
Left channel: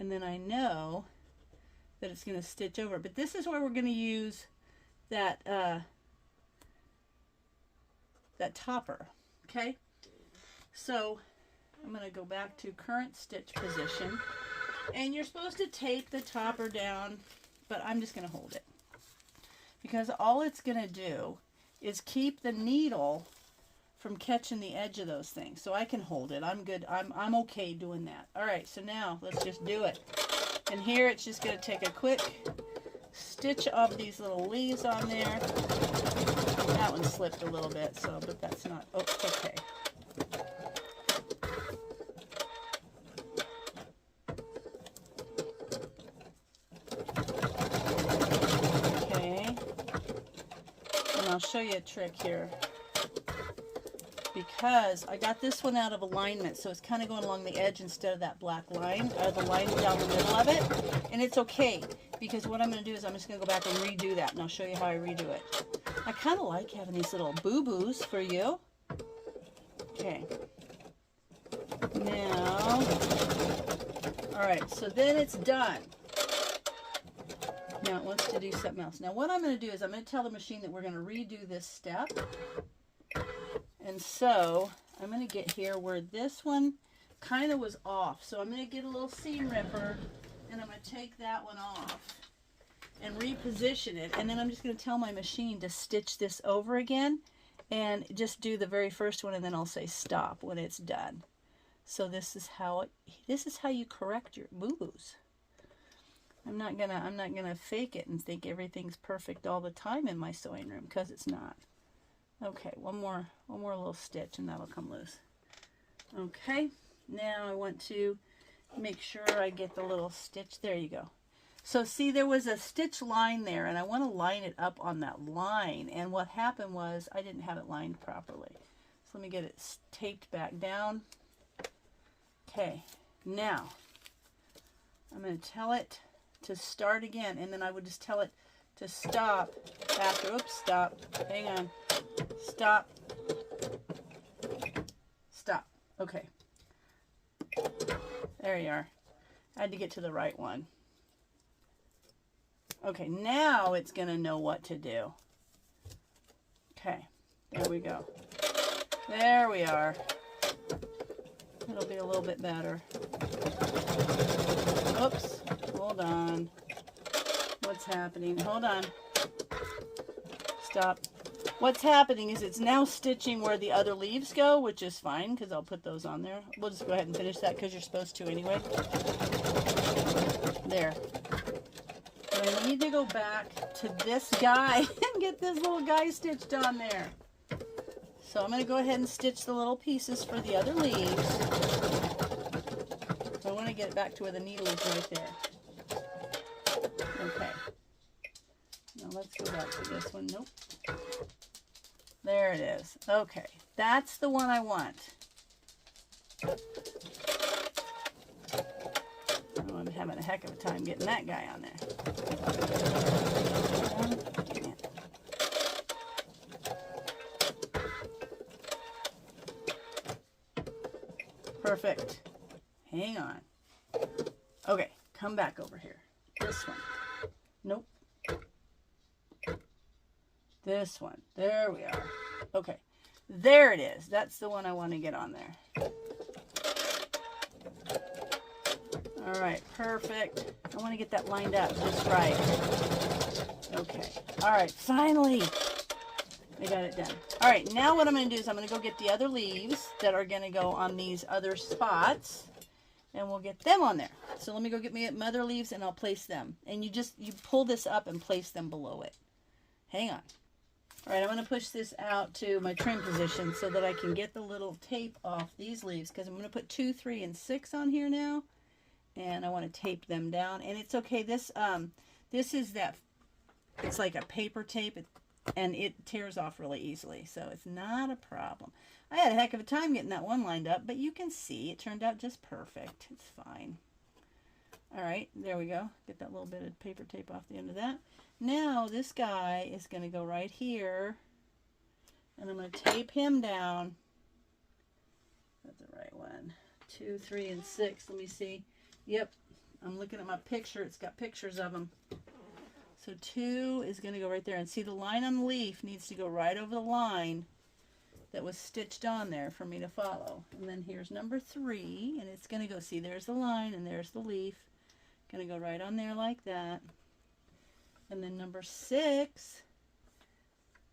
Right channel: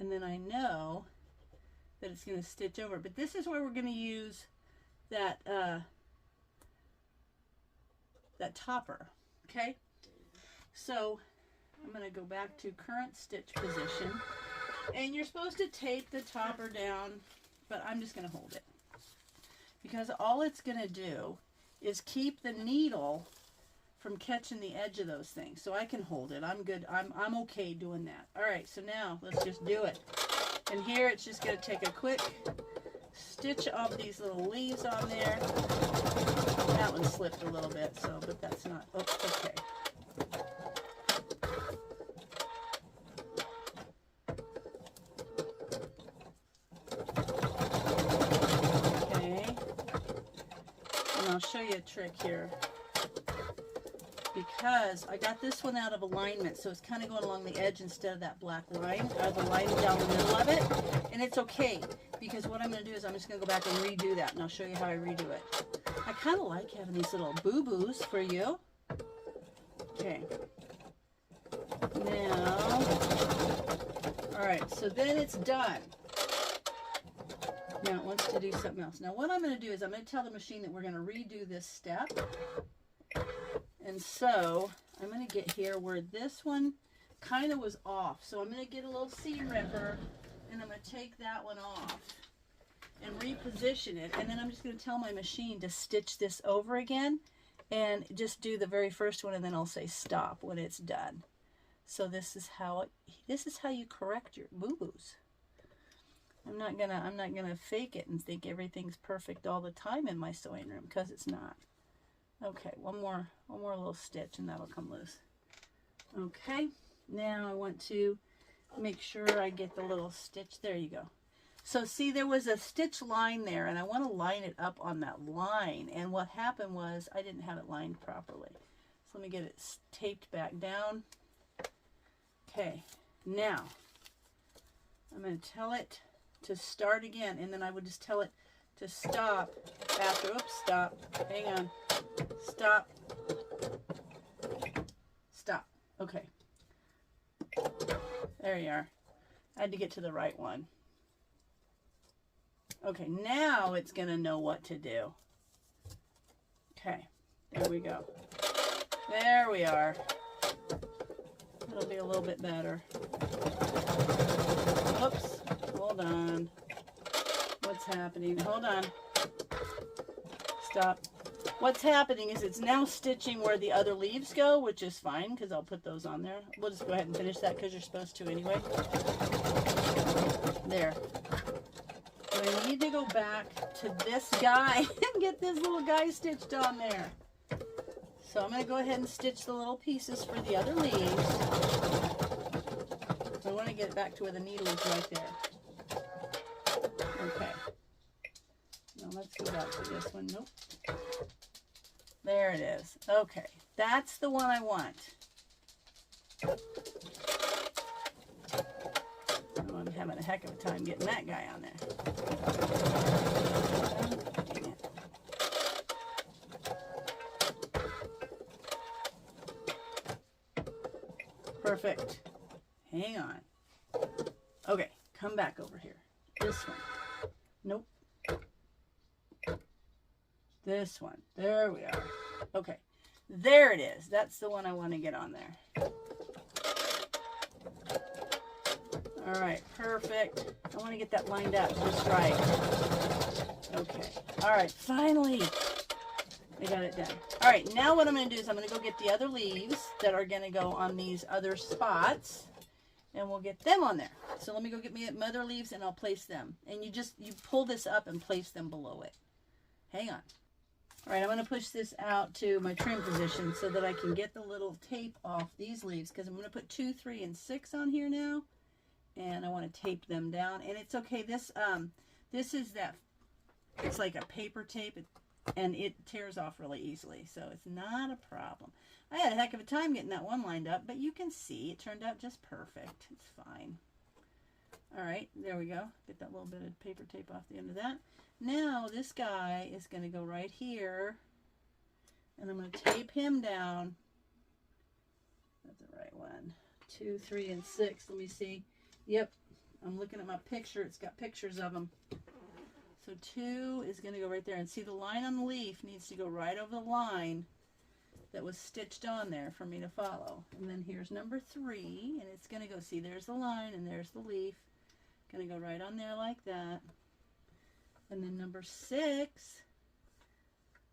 And then I know that it's going to stitch over. But this is where we're going to use that that topper. Okay? So I'm going to go back to current stitch position. And you're supposed to tape the topper down, but I'm just going to hold it. Because all it's going to do is keep the needle from catching the edge of those things. So I can hold it. I'm good. I'm okay doing that. All right, so now let's just do it. And here it's just going to take a quick stitch of these little leaves on there. That one slipped a little bit, so, but that's not, oh, okay. Okay. And I'll show you a trick here. Because I got this one out of alignment, so it's kind of going along the edge instead of that black line, or the line down the middle of it. And it's okay, because what I'm going to do is I'm just going to go back and redo that, and I'll show you how I redo it. I kind of like having these little boo-boos for you. Okay. Now, all right, so then it's done. Now it wants to do something else. Now what I'm going to do is I'm going to tell the machine that we're going to redo this step. And so I'm going to get here where this one kind of was off. So I'm going to get a little seam ripper and I'm going to take that one off and reposition it. And then I'm just going to tell my machine to stitch this over again and just do the very first one, and then I'll say stop when it's done. So this is how you correct your boo-boos. I'm not gonna fake it and think everything's perfect all the time in my sewing room, because it's not. Okay, one more little stitch and that'll come loose. Okay, now I want to make sure I get the little stitch. There you go. So see, there was a stitch line there, and I want to line it up on that line. And what happened was I didn't have it lined properly. So let me get it taped back down. Okay, now I'm going to tell it to start again, and then I would just tell it to stop after. Oops, stop. Hang on. Stop. Stop. Okay. There you are. I had to get to the right one. Okay, now it's going to know what to do. Okay, there we go. There we are. It'll be a little bit better. Oops, hold on. What's happening? Hold on. Stop. What's happening is it's now stitching where the other leaves go, which is fine because I'll put those on there. We'll just go ahead and finish that because you're supposed to anyway. There. And I need to go back to this guy and get this little guy stitched on there. So I'm going to go ahead and stitch the little pieces for the other leaves. So I want to get it back to where the needle is right there. Okay. Now let's go back to this one. Nope. There it is. Okay. That's the one I want. I'm having a heck of a time getting that guy on there. Dang it. Perfect. Hang on. Okay, come back over here. This one. Nope. This one. There we are. Okay. There it is. That's the one I want to get on there. All right, perfect. I want to get that lined up just right. Okay. All right, finally, we got it done. All right, now what I'm going to do is I'm going to go get the other leaves that are going to go on these other spots, and we'll get them on there. So let me go get me my other leaves, and I'll place them. And you pull this up and place them below it. Hang on. All right, I'm going to push this out to my trim position so that I can get the little tape off these leaves, because I'm going to put 2, 3, and 6 on here now. And I want to tape them down, and it's okay. This is that, it's like a paper tape, and it tears off really easily, so it's not a problem. I had a heck of a time getting that one lined up, but you can see it turned out just perfect. It's fine. All right, there we go. Get that little bit of paper tape off the end of that. Now this guy is going to go right here, and I'm going to tape him down. That's the right one. 2, 3, and 6. Let me see. Yep, I'm looking at my picture. It's got pictures of them. So 2 is going to go right there. And see, the line on the leaf needs to go right over the line that was stitched on there for me to follow. And then here's number 3, and it's going to go, see, there's the line, and there's the leaf. Going to go right on there like that. And then number 6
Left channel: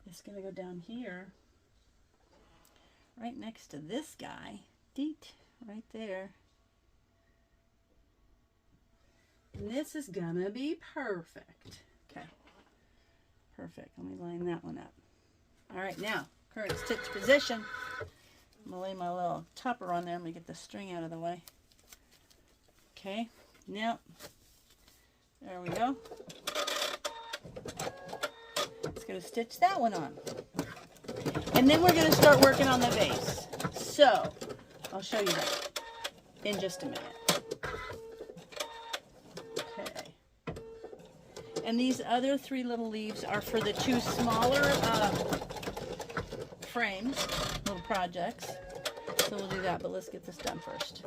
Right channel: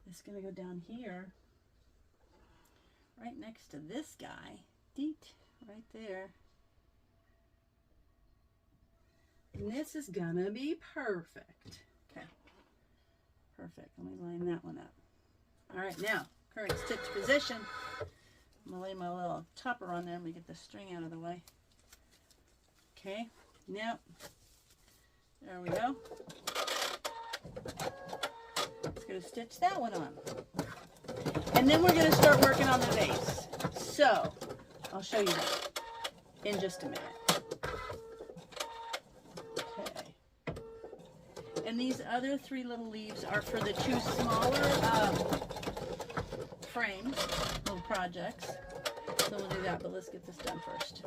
is going to go down here, right next to this guy. Deet, right there. And this is gonna be perfect. Okay, perfect. Let me line that one up. All right, now, current stitch position. I'm gonna lay my little topper on there. Let me get the string out of the way. Okay, now, there we go. Just gonna stitch that one on. And then we're gonna start working on the vase. So, I'll show you that in just a minute. And these other 3 little leaves are for the 2 smaller frames, little projects. So we'll do that, but let's get this done first.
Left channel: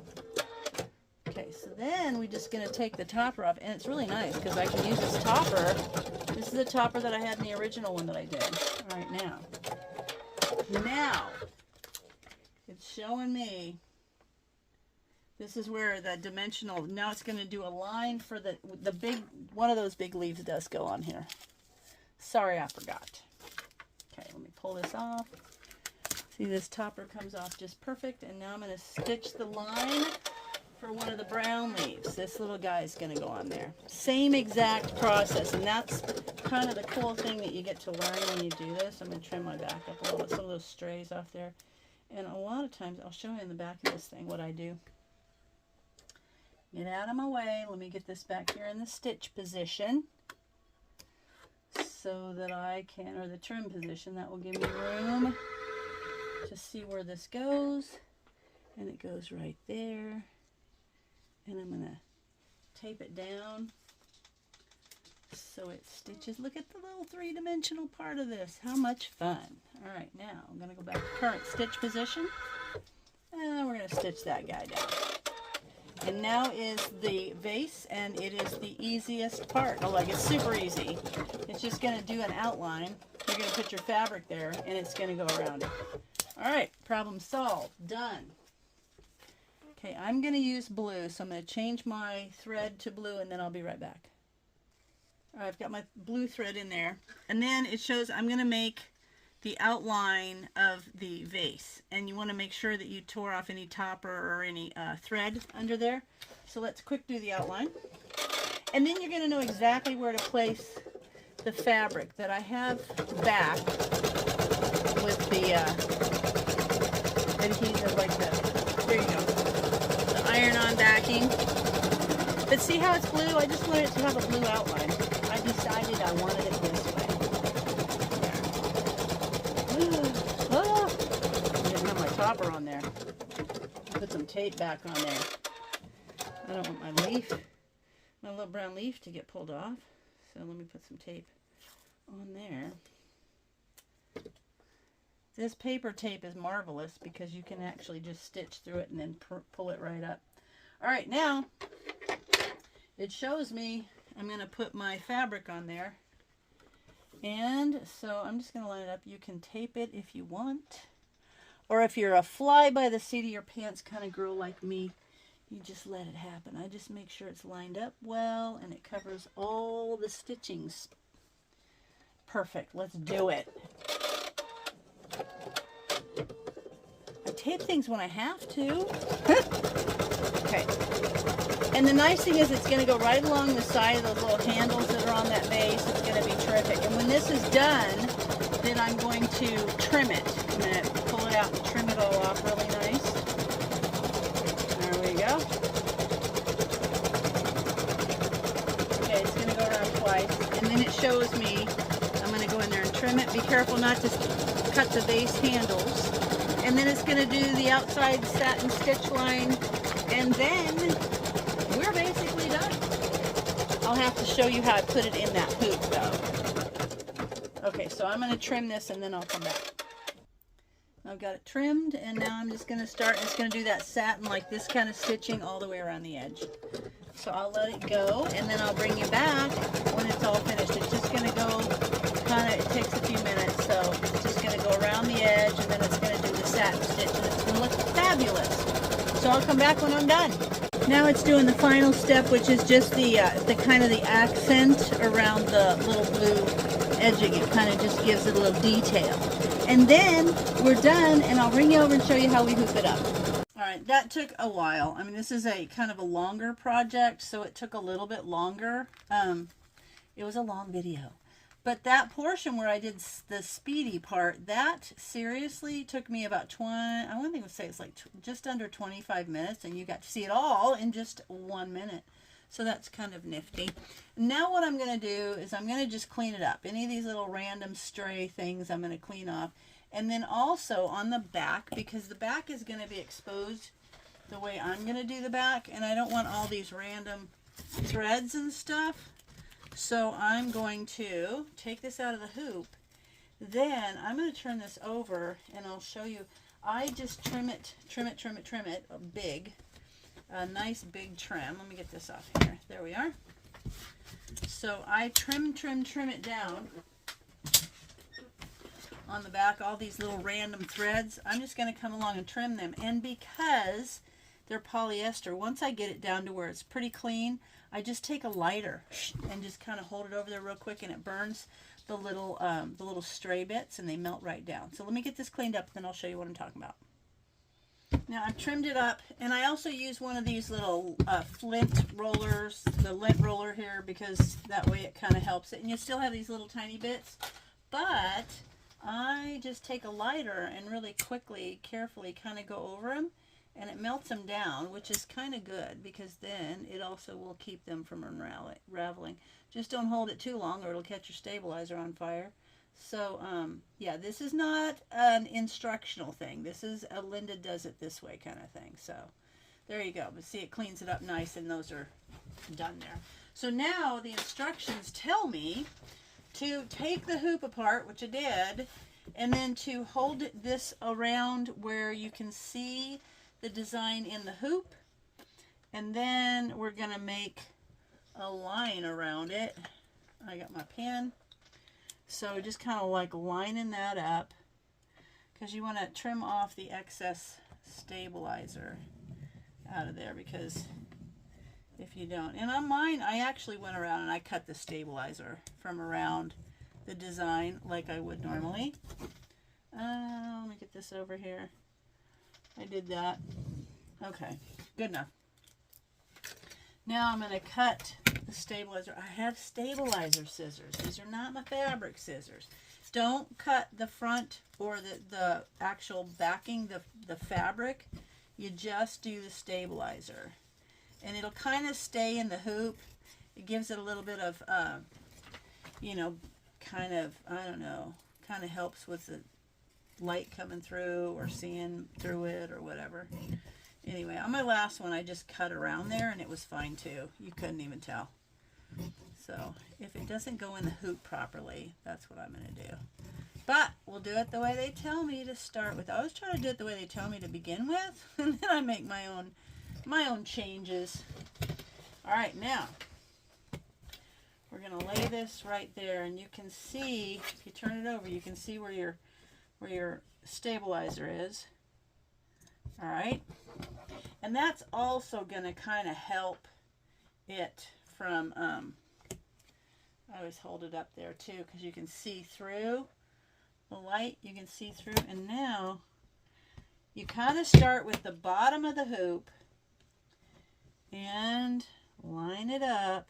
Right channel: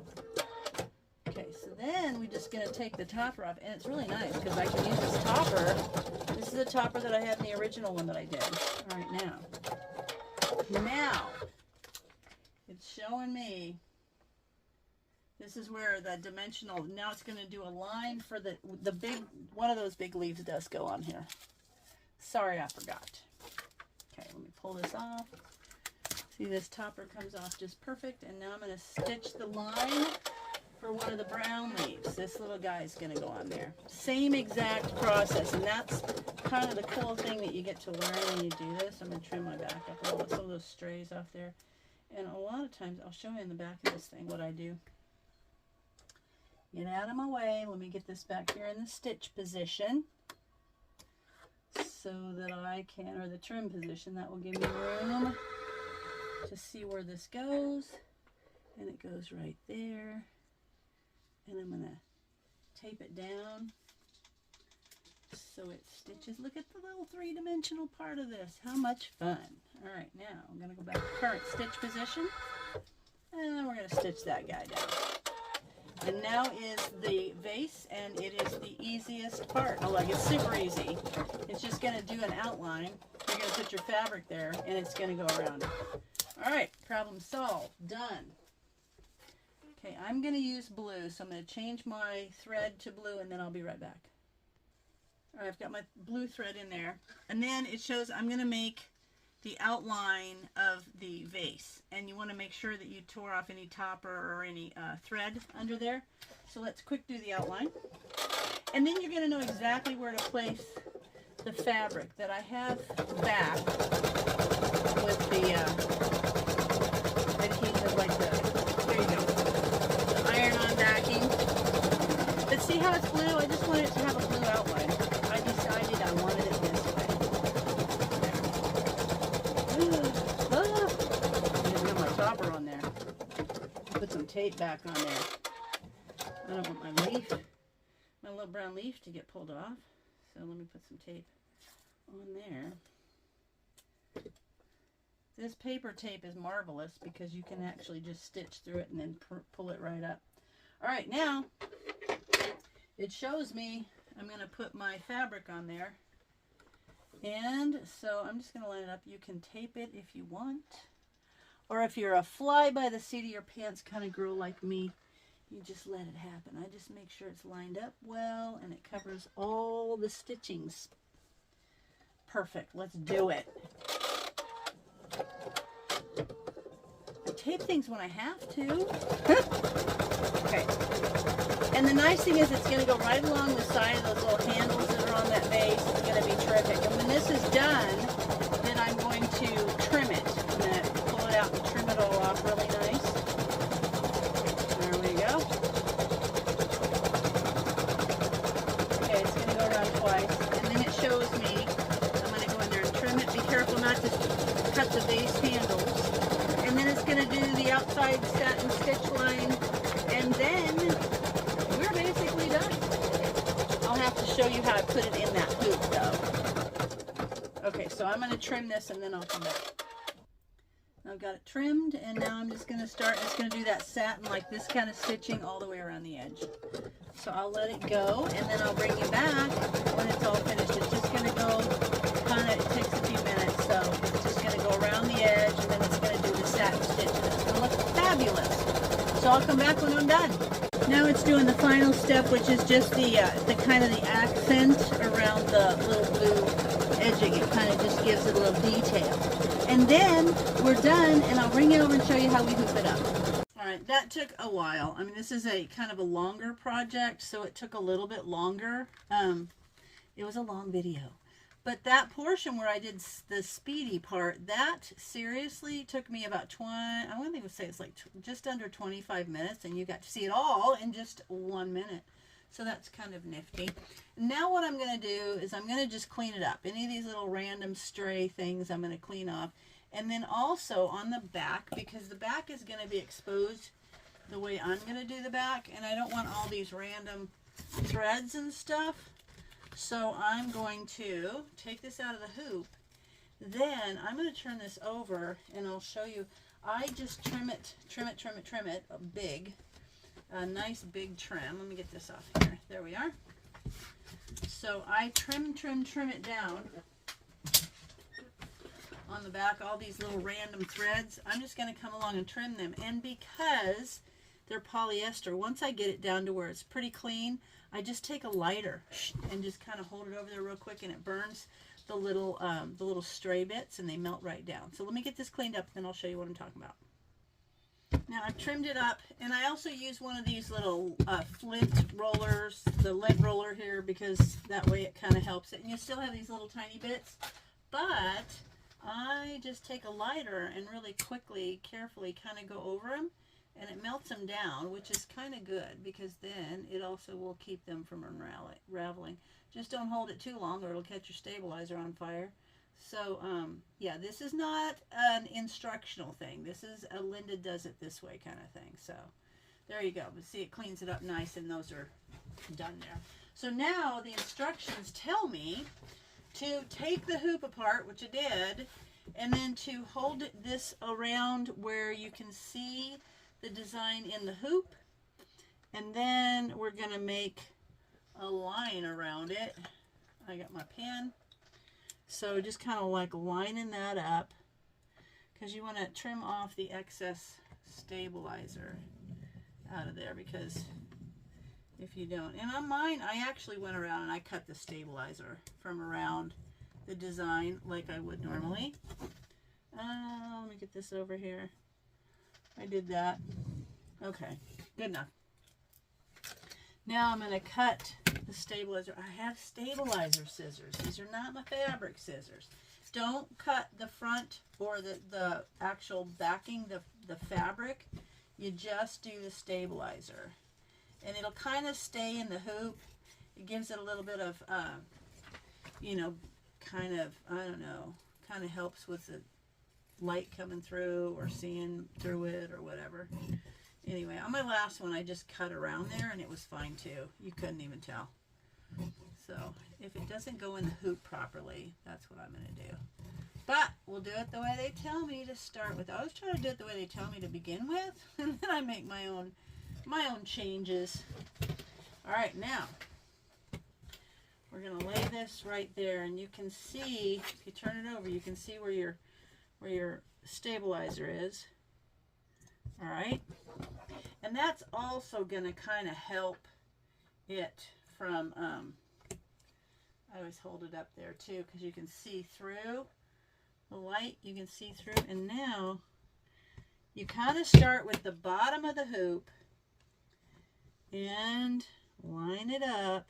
Okay, so then we're just going to take the topper off, and it's really nice because I can use this topper. This is the topper that I had in the original one that I did. All right, now, it showing me. This is where the dimensional, now it's going to do a line for the big, one of those big leaves does go on here. Sorry, I forgot. Okay, let me pull this off. See, this topper comes off just perfect, and now I'm going to stitch the line for one of the brown leaves. This little guy is going to go on there. Same exact process, and that's kind of the cool thing that you get to learn when you do this. I'm going to trim my back up a little bit, some of those strays off there. And a lot of times, I'll show you in the back of this thing what I do. Get out of my way. Let me get this back here in the stitch position so that I can, or the trim position, that will give me room to see where this goes. And it goes right there. And I'm going to tape it down so it stitches. Look at the little three-dimensional part of this. How much fun. All right, now I'm going to go back to current stitch position. And we're going to stitch that guy down. And now is the vase, and it is the easiest part. Oh, like, it's super easy. It's just going to do an outline. You're going to put your fabric there, and it's going to go around it. All right, problem solved. Done. Okay, I'm going to use blue, so I'm going to change my thread to blue, and then I'll be right back. All right, I've got my blue thread in there. And then it shows I'm going to make the outline of the vase, and you want to make sure that you tore off any topper or any thread under there. So let's quick do the outline, and then you're going to know exactly where to place the fabric that I have back with the adhesive like that. There you go, the iron-on backing. But see how it's blue? I just want it to have a blue outline. I decided I wanted it this way. On there. Put some tape back on there. I don't want my leaf, my little brown leaf, to get pulled off. So let me put some tape on there. This paper tape is marvelous because you can actually just stitch through it and then pull it right up. All right, now it shows me I'm going to put my fabric on there. And so I'm just going to line it up. You can tape it if you want. Or if you're a fly by the seat of your pants kind of girl like me, you just let it happen. I just make sure it's lined up well and it covers all the stitchings. Perfect. Let's do it. I tape things when I have to. Okay. And the nice thing is it's going to go right along the side of the little handles that are on that vase. It's going to be terrific. And when this is done, then I'm going to trim it. I'm going to pull it out and trim it all off really nice. There we go. Okay, it's going to go around twice. And then it shows me, I'm going to go in there and trim it. Be careful not to cut the vase handles. And then it's going to do the outside satin stitch line. And then we're basically done. I'll have to show you how to put it in that hoop though. Okay, so I'm going to trim this and then I'll come back. I've got it trimmed, and now I'm just going to start. It's going to do that satin, like this kind of stitching all the way around the edge. So I'll let it go, and then I'll bring you back when it's all finished. It's just going to go kind of, it takes a few minutes, so it's just going to go around the edge, and then it's going to do the satin stitch, and it's going to look fabulous. So I'll come back when I'm done. Now it's doing the final step, which is just the kind of the accent around the little blue edging. It kind of just gives it a little detail. And then we're done, and I'll bring you over and show you how we hoop it up. All right, that took a while. I mean, this is a kind of a longer project, so it took a little bit longer. It was a long video. But that portion where I did the speedy part, that seriously took me about I wouldn't even say it's like just under 25 minutes, and you got to see it all in just 1 minute. So that's kind of nifty. Now what I'm going to do is I'm going to just clean it up. Any of these little random stray things I'm going to clean off. And then also on the back, because the back is going to be exposed the way I'm going to do the back, and I don't want all these random threads and stuff. So I'm going to take this out of the hoop. Then I'm going to turn this over, and I'll show you. I just trim it big. A nice big trim. Let me get this off here. There we are. So I trim it down on the back, all these little random threads. I'm just going to come along and trim them. And because they're polyester, once I get it down to where it's pretty clean, I just take a lighter and just kind of hold it over there real quick, and it burns the little stray bits, and they melt right down. So let me get this cleaned up, then I'll show you what I'm talking about. Now I've trimmed it up, and I also use one of these little flint rollers, the lint roller here, because that way it kind of helps it. And you still have these little tiny bits, but I just take a lighter and really quickly, carefully kind of go over them, and it melts them down, which is kind of good, because then it also will keep them from unraveling. Just don't hold it too long or it'll catch your stabilizer on fire. So, yeah, this is not an instructional thing. This is a Linda does it this way kind of thing. So, there you go. But see, it cleans it up nice, and those are done there. So now the instructions tell me to take the hoop apart, which I did, and then to hold this around where you can see the design in the hoop, and then we're going to make a line around it. I got my pen, so just kind of like lining that up, because you want to trim off the excess stabilizer out of there, because if you don't, and on mine I actually went around and I cut the stabilizer from around the design like I would normally. Let me get this over here. I did that. Okay, good enough. Now I'm going to cut the stabilizer. I have stabilizer scissors. These are not my fabric scissors. Don't cut the front or the actual backing, the fabric. You just do the stabilizer. And it'll kind of stay in the hoop. It gives it a little bit of, you know, kind of, I don't know, kind of helps with the light coming through or seeing through it or whatever. Anyway, on my last one I just cut around there and it was fine too. You couldn't even tell. So if it doesn't go in the hoop properly, that's what I'm going to do. But we'll do it the way they tell me to start with. I always try to do it the way they tell me to begin with, and then I make my own changes. All right, now we're going to lay this right there, and you can see, if you turn it over, you can see where your stabilizer is. All right, and that's also going to kind of help it from, I always hold it up there too, because you can see through the light, you can see through. And now you kind of start with the bottom of the hoop and line it up.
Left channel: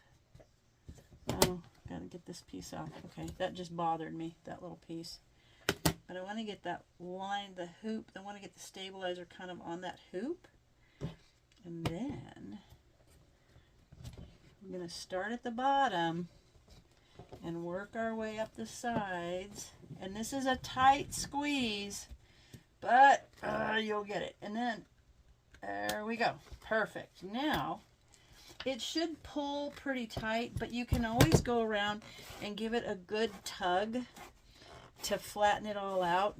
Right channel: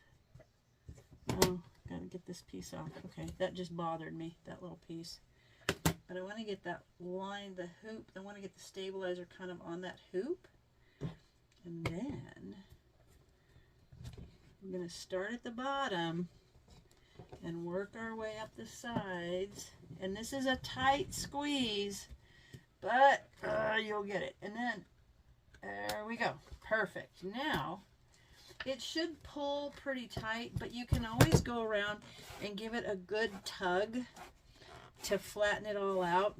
Oh, gotta get this piece off. Okay, that just bothered me, that little piece. But I want to get that line, the hoop, I want to get the stabilizer kind of on that hoop. And then I'm going to start at the bottom and work our way up the sides. And this is a tight squeeze, but you'll get it. And then, there we go. Perfect. Now, it should pull pretty tight, but you can always go around and give it a good tug to flatten it all out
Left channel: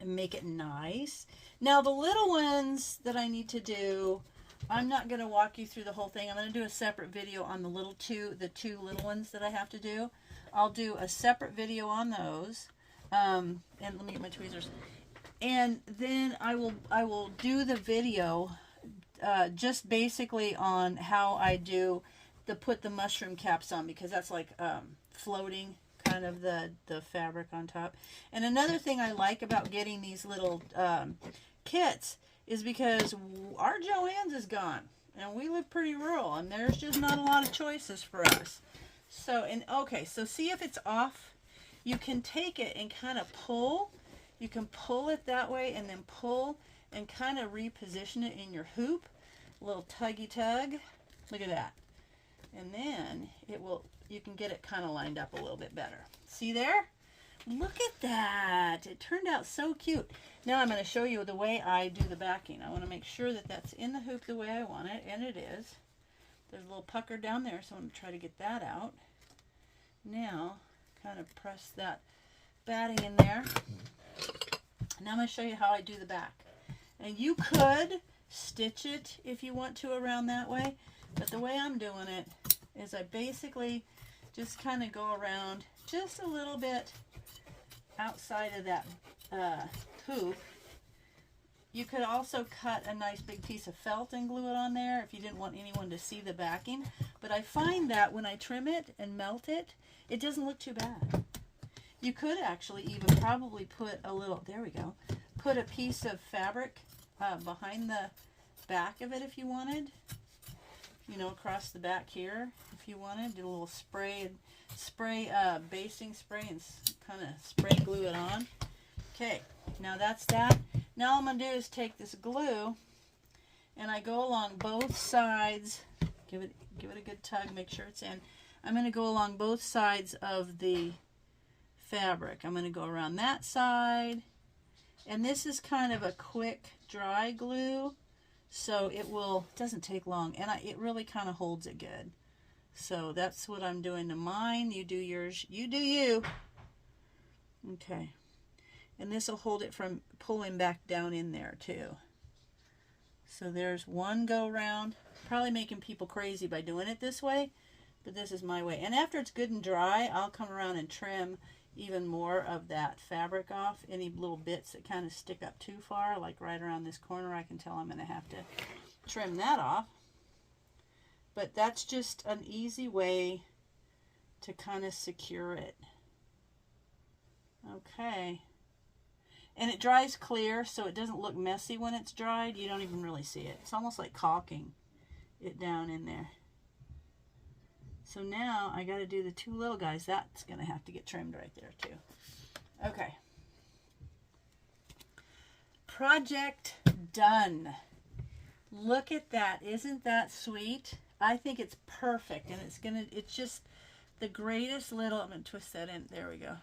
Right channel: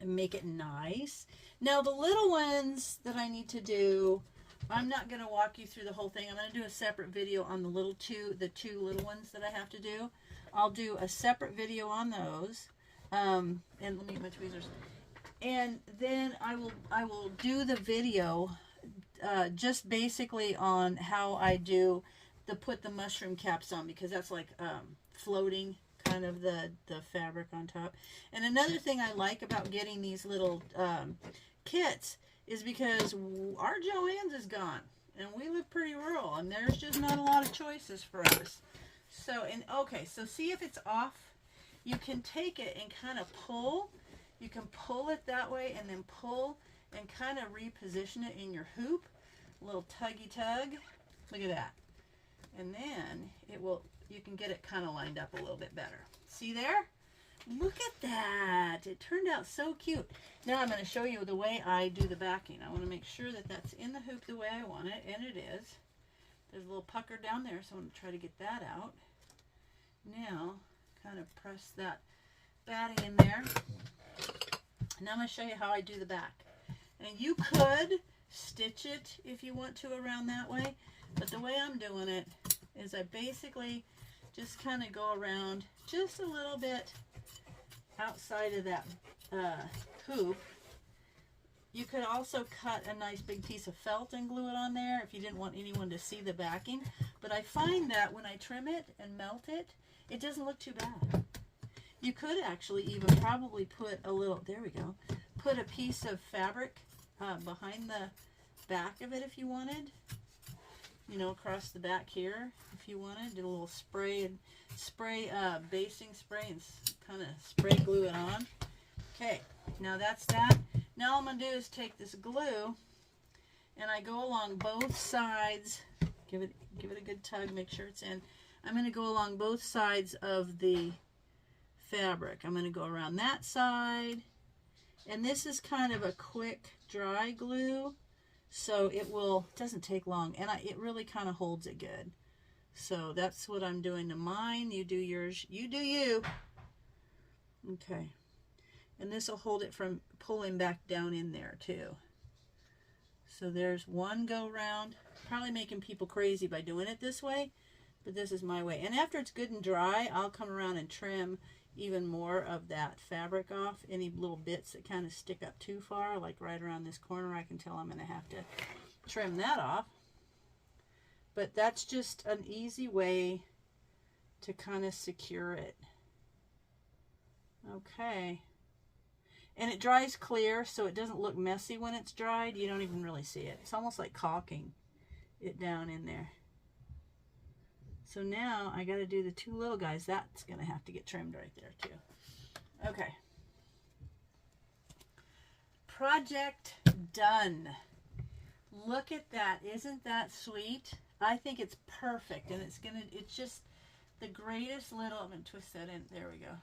and make it nice. Now the little ones that I need to do, I'm not going to walk you through the whole thing. I'm going to do a separate video on the two little ones that I have to do. I'll do a separate video on those. And let me get my tweezers. And then I will do the video just basically on how I do put the mushroom caps on, because that's like floating kind of the fabric on top. And another thing I like about getting these little kits is because our Joann's is gone and we live pretty rural and there's just not a lot of choices for us. So, and okay, so see if it's off. You can take it and kind of pull. You can pull it that way and then pull and kind of reposition it in your hoop. A little tuggy tug. Look at that. And then you can get it kind of lined up a little bit better. See there? Look at that. It turned out so cute. Now I'm going to show you the way I do the backing. I want to make sure that that's in the hoop the way I want it, and it is. There's a little pucker down there, so I'm going to try to get that out. Now, kind of press that batting in there. Now I'm going to show you how I do the back. And you could stitch it if you want to around that way, but the way I'm doing it is I basically just kind of go around just a little bit outside of that hoop. You could also cut a nice big piece of felt and glue it on there if you didn't want anyone to see the backing. But I find that when I trim it and melt it, it doesn't look too bad. You could actually even probably put a little, there we go, put a piece of fabric behind the back of it if you wanted. You know, across the back here if you wanted. Do a little basting spray and kind of spray glue it on. Okay, now that's that. Now all I'm going to do is take this glue and I go along both sides. Give it a good tug, make sure it's in. I'm going to go along both sides of the fabric. I'm going to go around that side. And this is kind of a quick dry glue, so it doesn't take long, and it really kind of holds it good. So that's what I'm doing to mine. You do yours. You do you. Okay. And this will hold it from pulling back down in there too. So there's one go round. Probably making people crazy by doing it this way, but this is my way. And after it's good and dry, I'll come around and trim even more of that fabric off. Any little bits that kind of stick up too far, like right around this corner, I can tell I'm going to have to trim that off. But that's just an easy way to kind of secure it. Okay. And it dries clear, so it doesn't look messy when it's dried. You don't even really see it. It's almost like caulking it down in there. So now I got to do the two little guys. That's going to have to get trimmed right there too. Okay. Project done. Look at that. Isn't that sweet? I think it's perfect, and it's just the greatest little, I'm going to twist that in. There we go.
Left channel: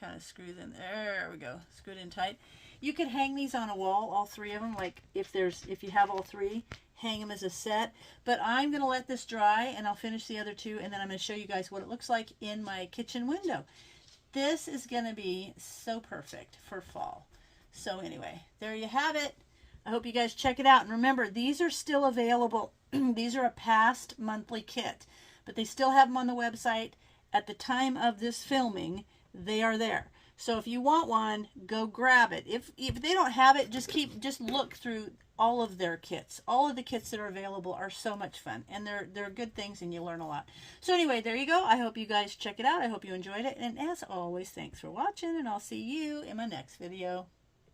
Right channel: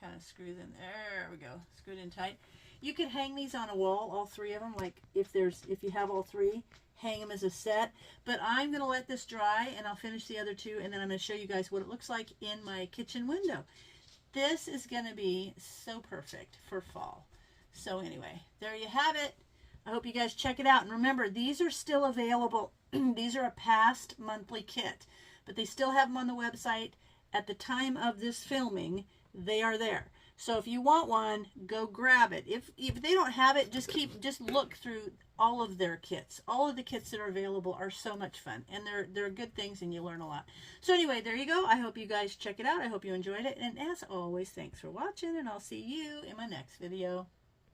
Kind of screws in. There we go. Screwed in tight. You could hang these on a wall, all three of them, like if you have all three, hang them as a set. But I'm going to let this dry, and I'll finish the other two, and then I'm going to show you guys what it looks like in my kitchen window. This is going to be so perfect for fall. So anyway, there you have it. I hope you guys check it out. And remember, these are still available. These are a past monthly kit, but they still have them on the website. At the time of this filming, they are there. So if you want one, go grab it. If they don't have it, just look through all of their kits. All of the kits that are available are so much fun, and they're good things, and you learn a lot. So anyway, there you go. I hope you guys check it out. I hope you enjoyed it, and as always, thanks for watching, and I'll see you in my next video.